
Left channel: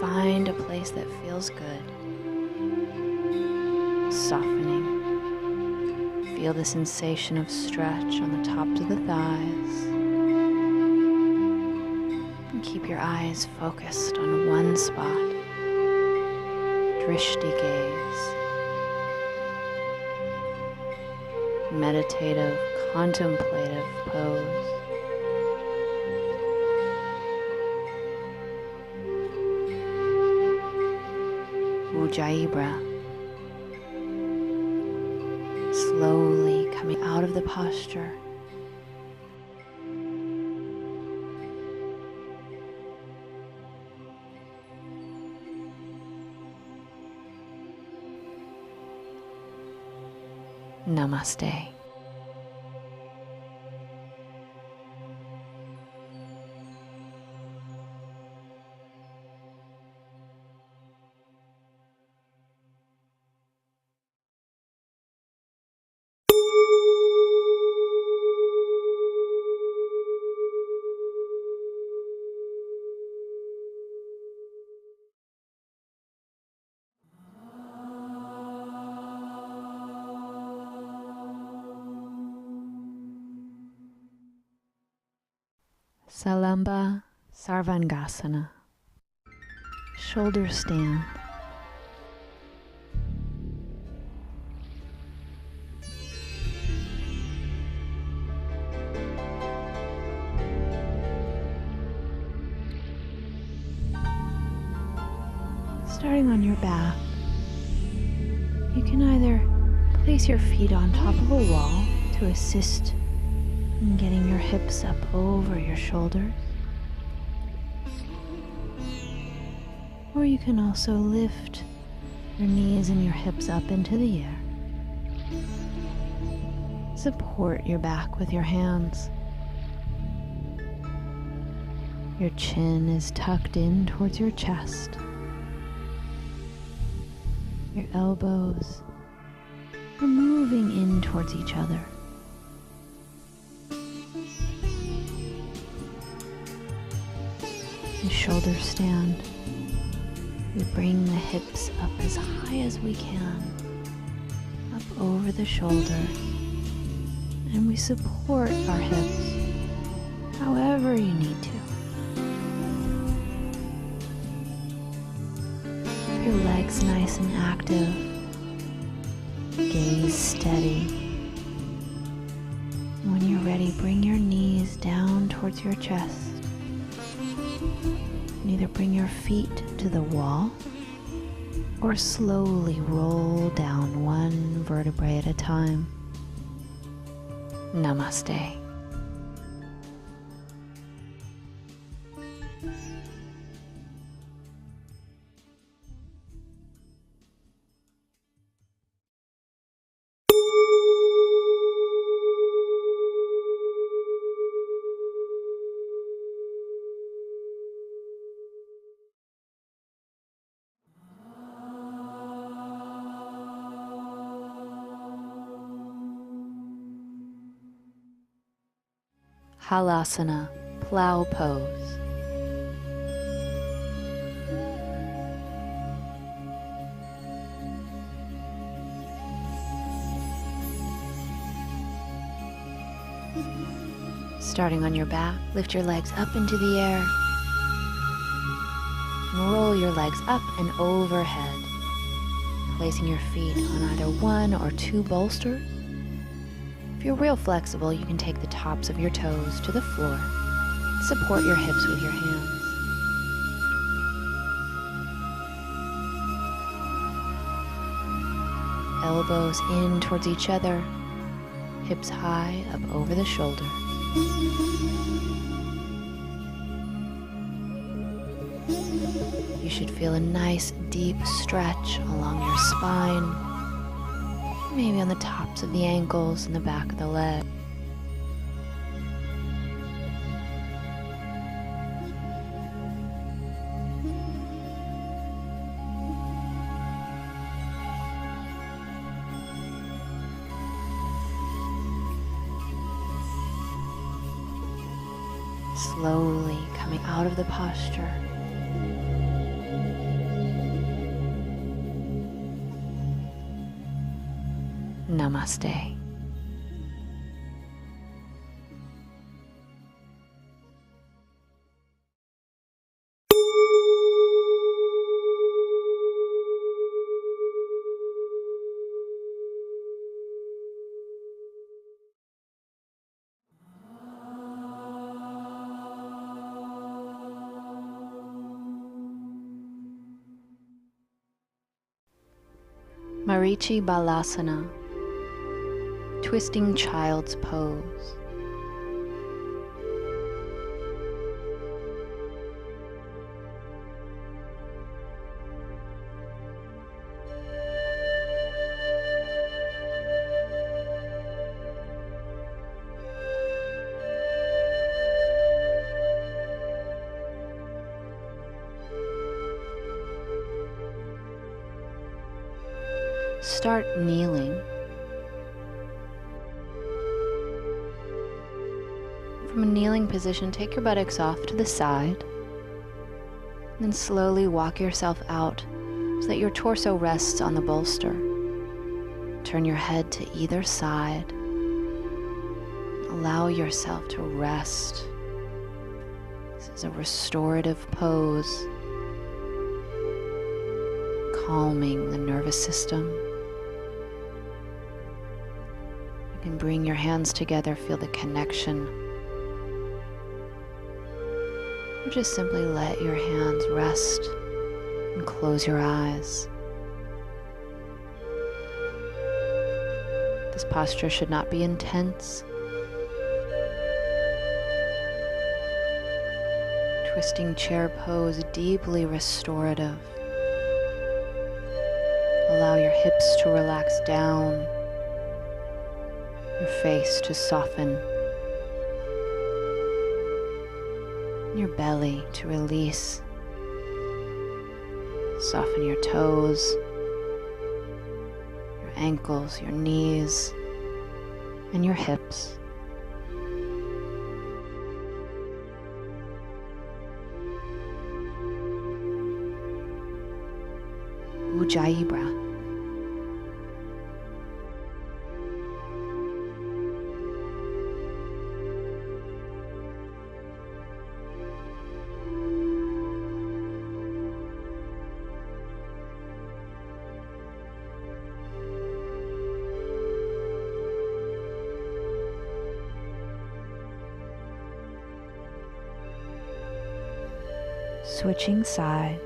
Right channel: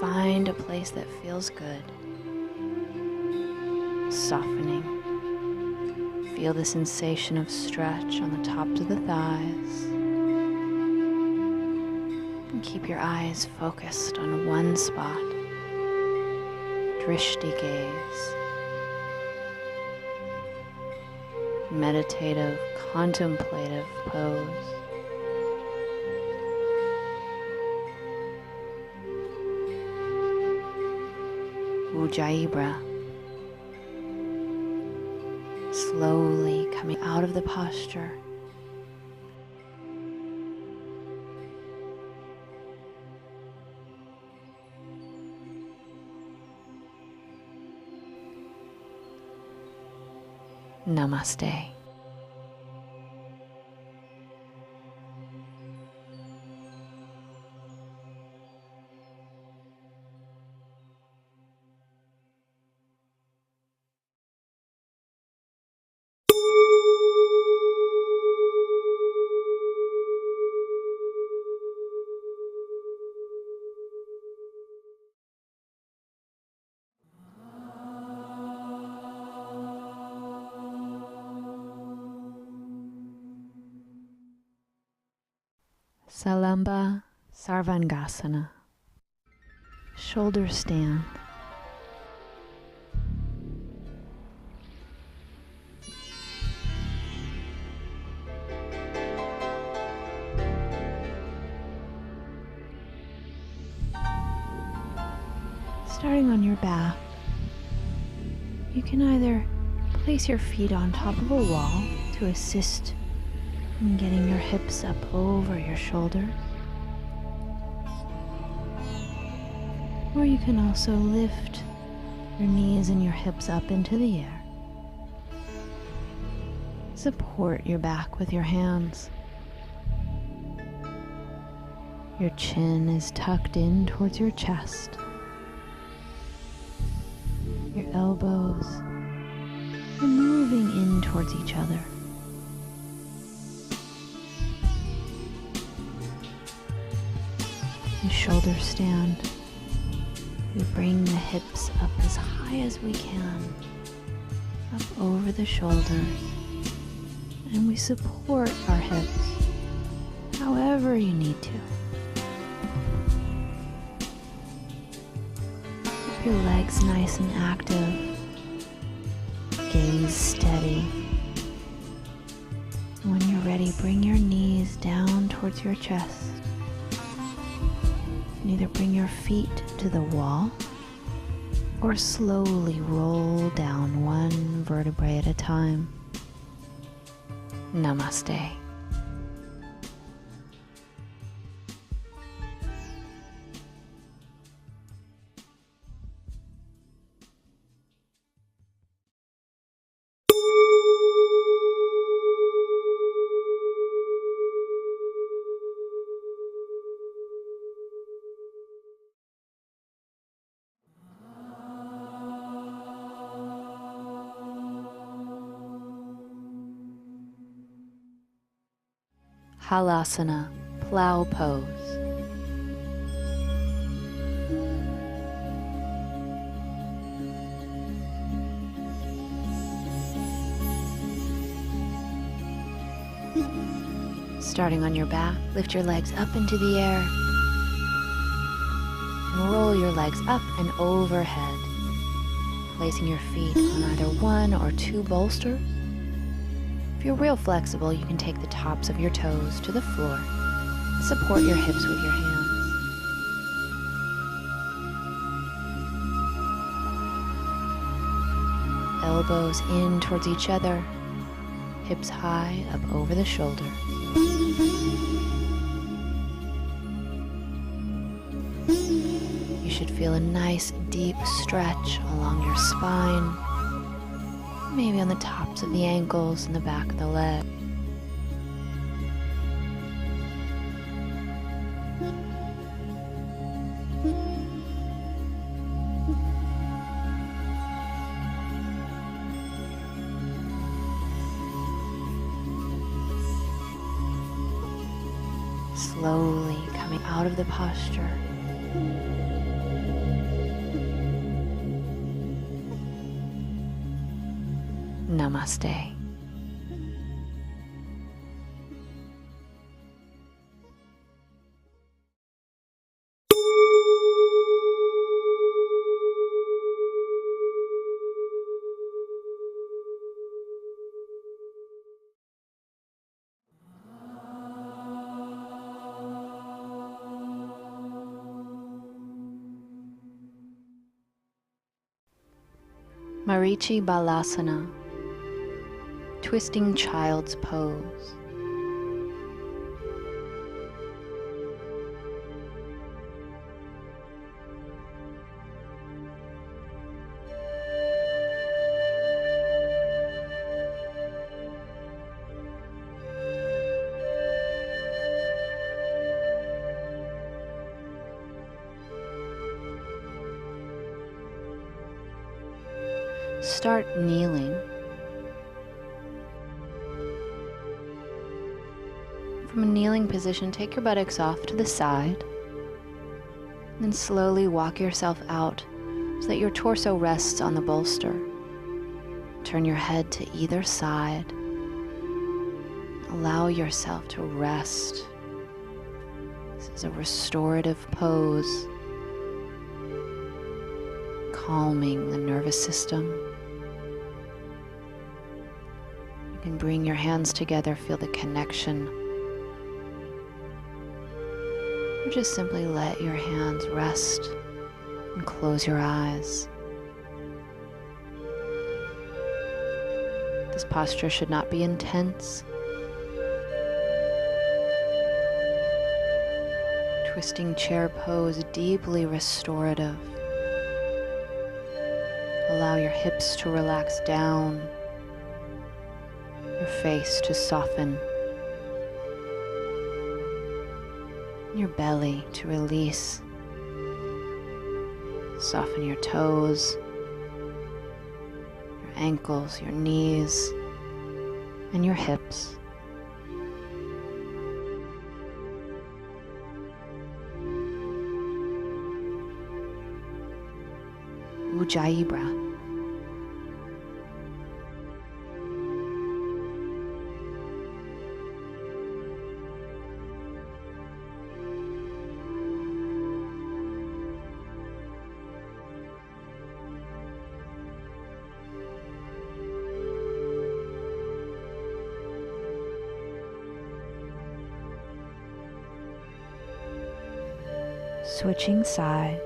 Find a place that feels good. Softening. Feel the sensation of stretch on the tops of the thighs. And keep your eyes focused on one spot. Drishti gaze. Meditative, contemplative pose. Ujjayi. Slowly coming out of the posture. Namaste. Salamba Sarvangasana. Shoulder stand. Starting on your back, you can either place your feet on top of a wall to assist in getting your hips up over your shoulders, or you can also lift your knees and your hips up into the air. Support your back with your hands. Your chin is tucked in towards your chest. Your elbows are moving in towards each other. In shoulder stand, we bring the hips up as high as we can, up over the shoulders, and we support our hips however you need to. Keep your legs nice and active. Gaze steady. When you're ready, bring your knees down towards your chest. And either bring your feet to the wall or slowly roll down one vertebrae at a time. Namaste. Halasana, plow pose. Starting on your back, lift your legs up into the air and roll your legs up and overhead, placing your feet on either one or two bolsters If you're real flexible, you can take the tops of your toes to the floor. Support your hips with your hands. Elbows in towards each other, hips high up over the shoulders. You should feel a nice deep stretch along your spine, maybe on the tops of the ankles and the back of the leg. Slowly coming out of the posture. Namaste. Marichi Balasana, twisting child's pose. Start kneeling. From a kneeling position, take your buttocks off to the side, and then slowly walk yourself out so that your torso rests on the bolster. Turn your head to either side. Allow yourself to rest. This is a restorative pose, calming the nervous system. You can bring your hands together, feel the connection. Or just simply let your hands rest and close your eyes. This posture should not be intense. Twisting chair pose, deeply restorative. Allow your hips to relax down, your face to soften, your belly to release. Soften your toes, your ankles, your knees, and your hips. Ujjayi breath. Switching sides.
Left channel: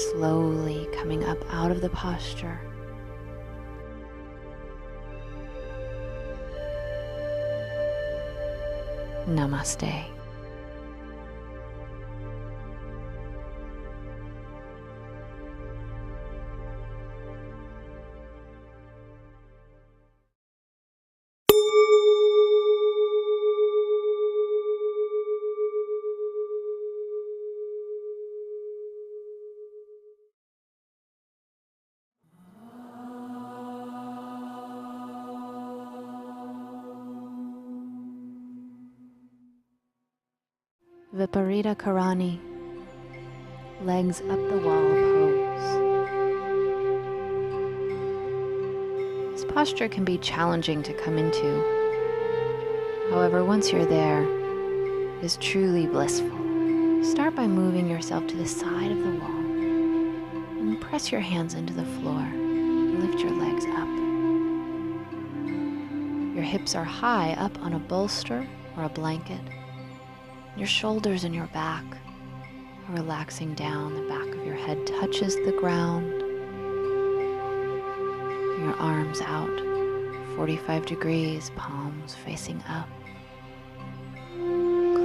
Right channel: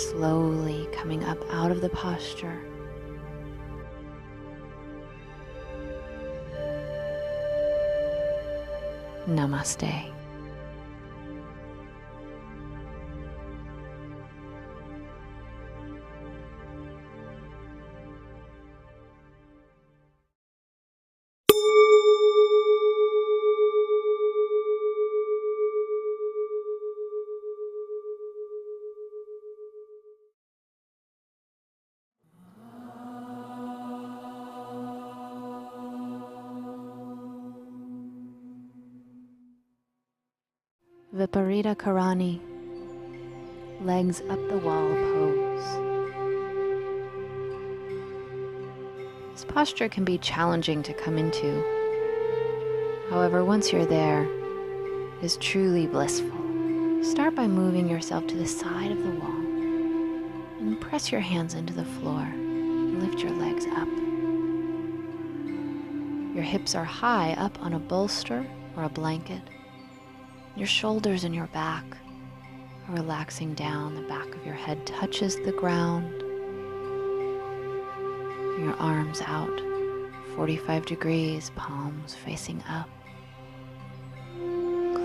slowly coming up out of the posture. Namaste. Viparita Karani, legs up the wall pose. This posture can be challenging to come into. However, once you're there, it is truly blissful. Start by moving yourself to the side of the wall and press your hands into the floor and lift your legs up. Your hips are high up on a bolster or a blanket. Your shoulders and your back are relaxing down. The back of your head touches the ground. Your arms out, 45 degrees, palms facing up.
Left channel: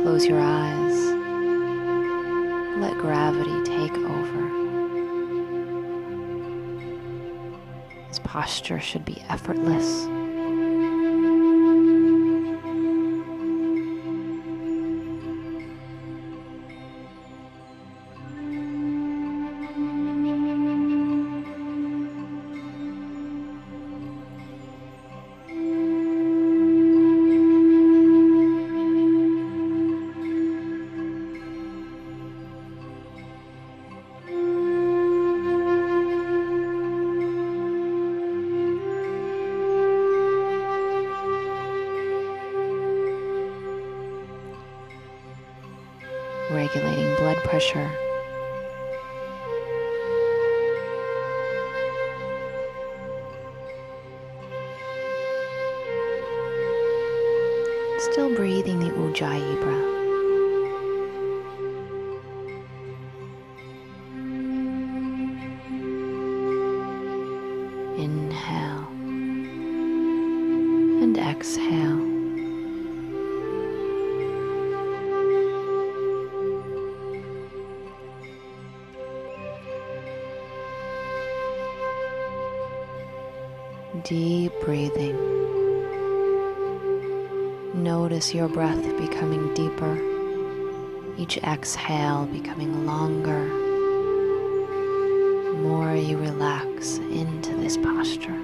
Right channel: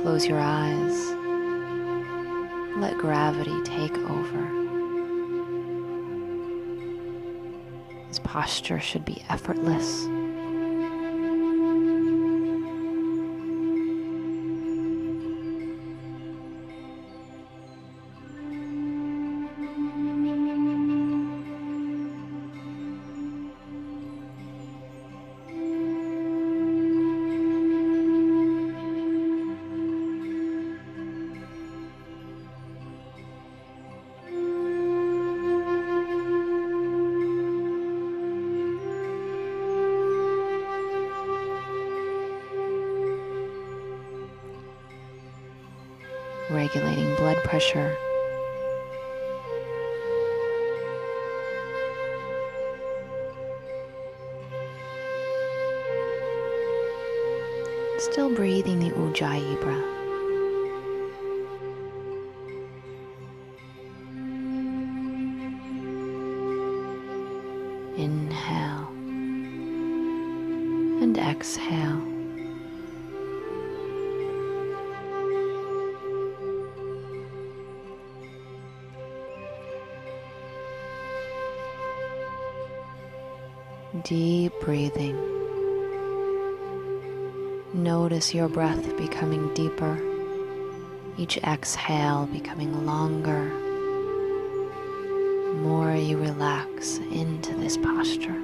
Close your eyes. Let gravity take over. This posture should be effortless. Regulating blood pressure. Still breathing the Ujjayi breath. Inhale and exhale. Deep breathing. Notice your breath becoming deeper, each exhale becoming longer. The more you relax into this posture.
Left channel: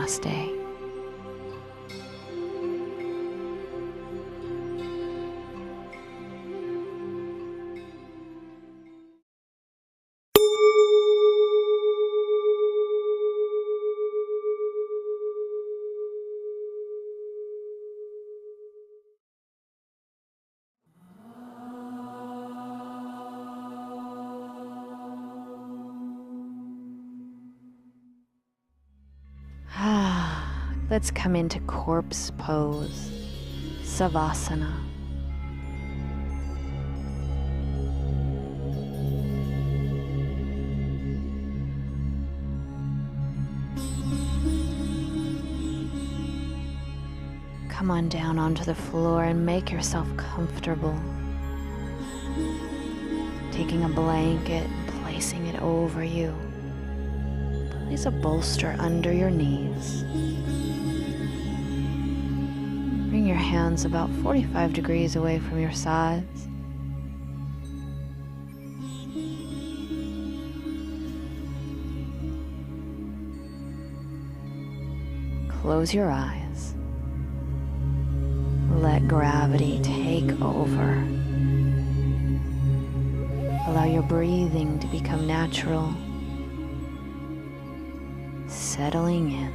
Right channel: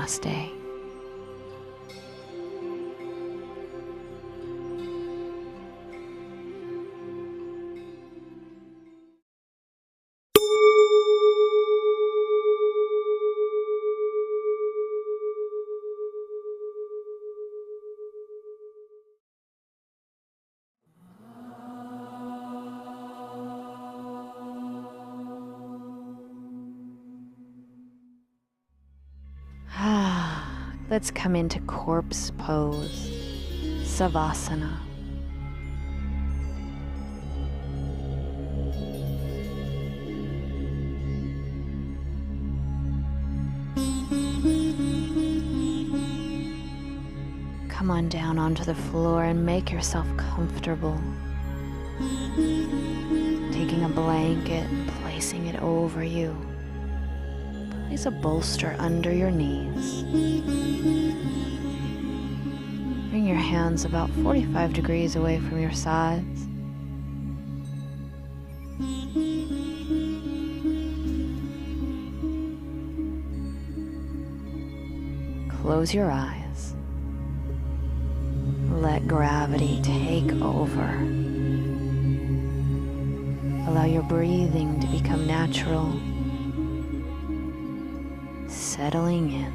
Namaste. Let's come into corpse pose, Savasana. Come on down onto the floor and make yourself comfortable. Taking a blanket and placing it over you. Place a bolster under your knees. Bring your hands about 45 degrees away from your sides. Close your eyes. Let gravity take over. Allow your breathing to become natural, settling in.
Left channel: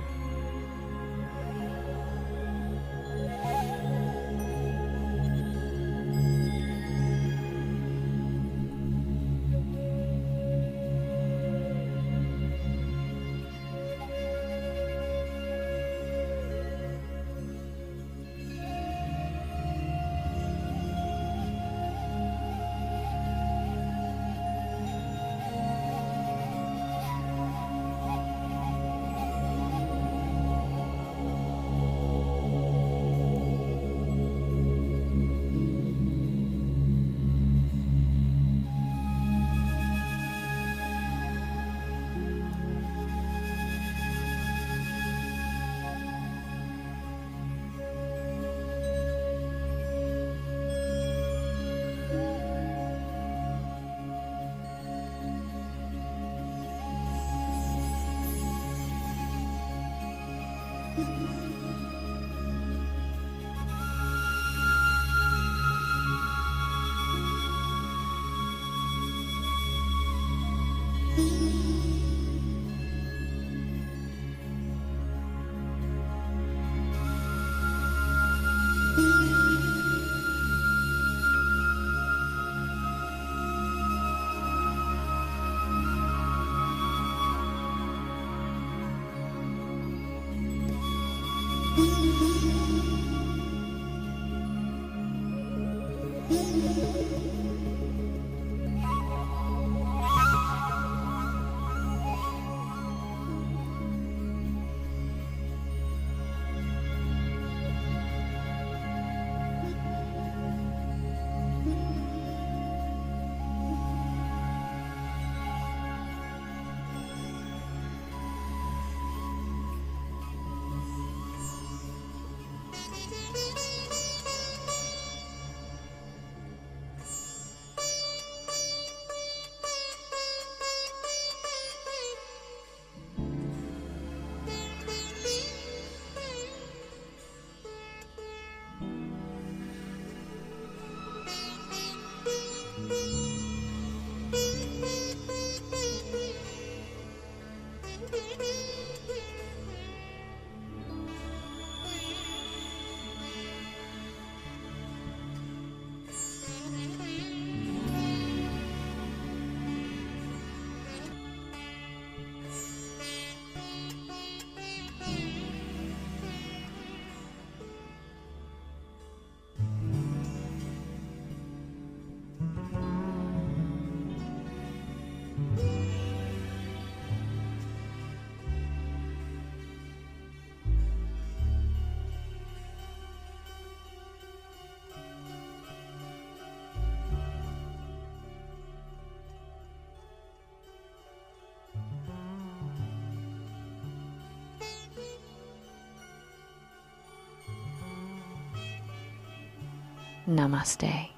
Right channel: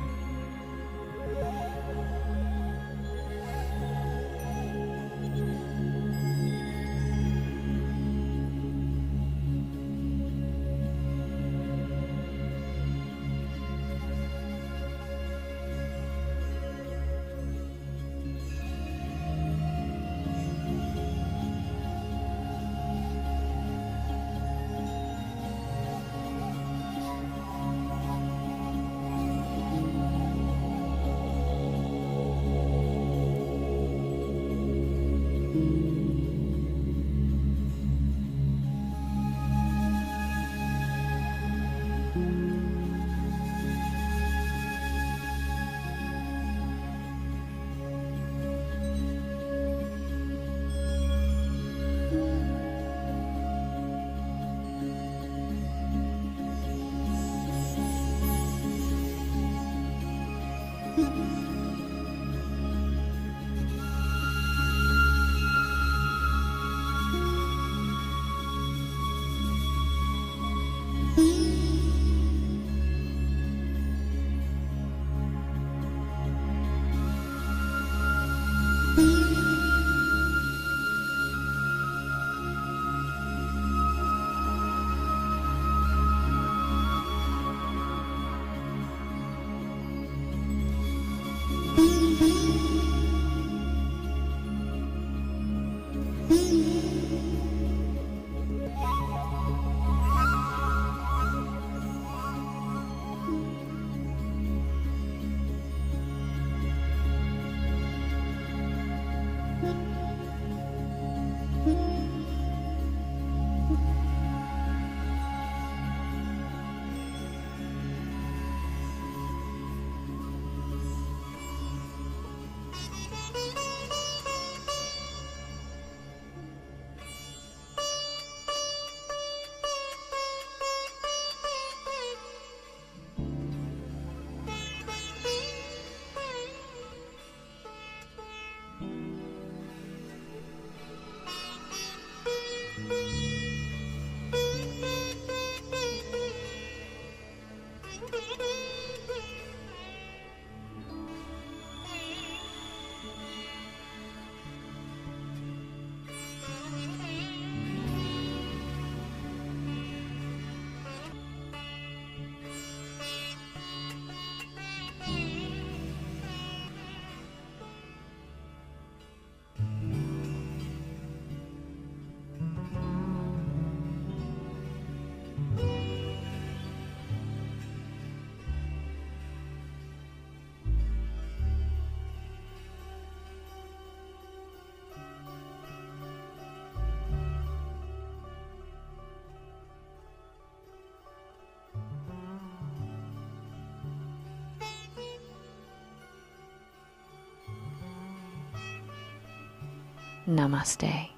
Namaste.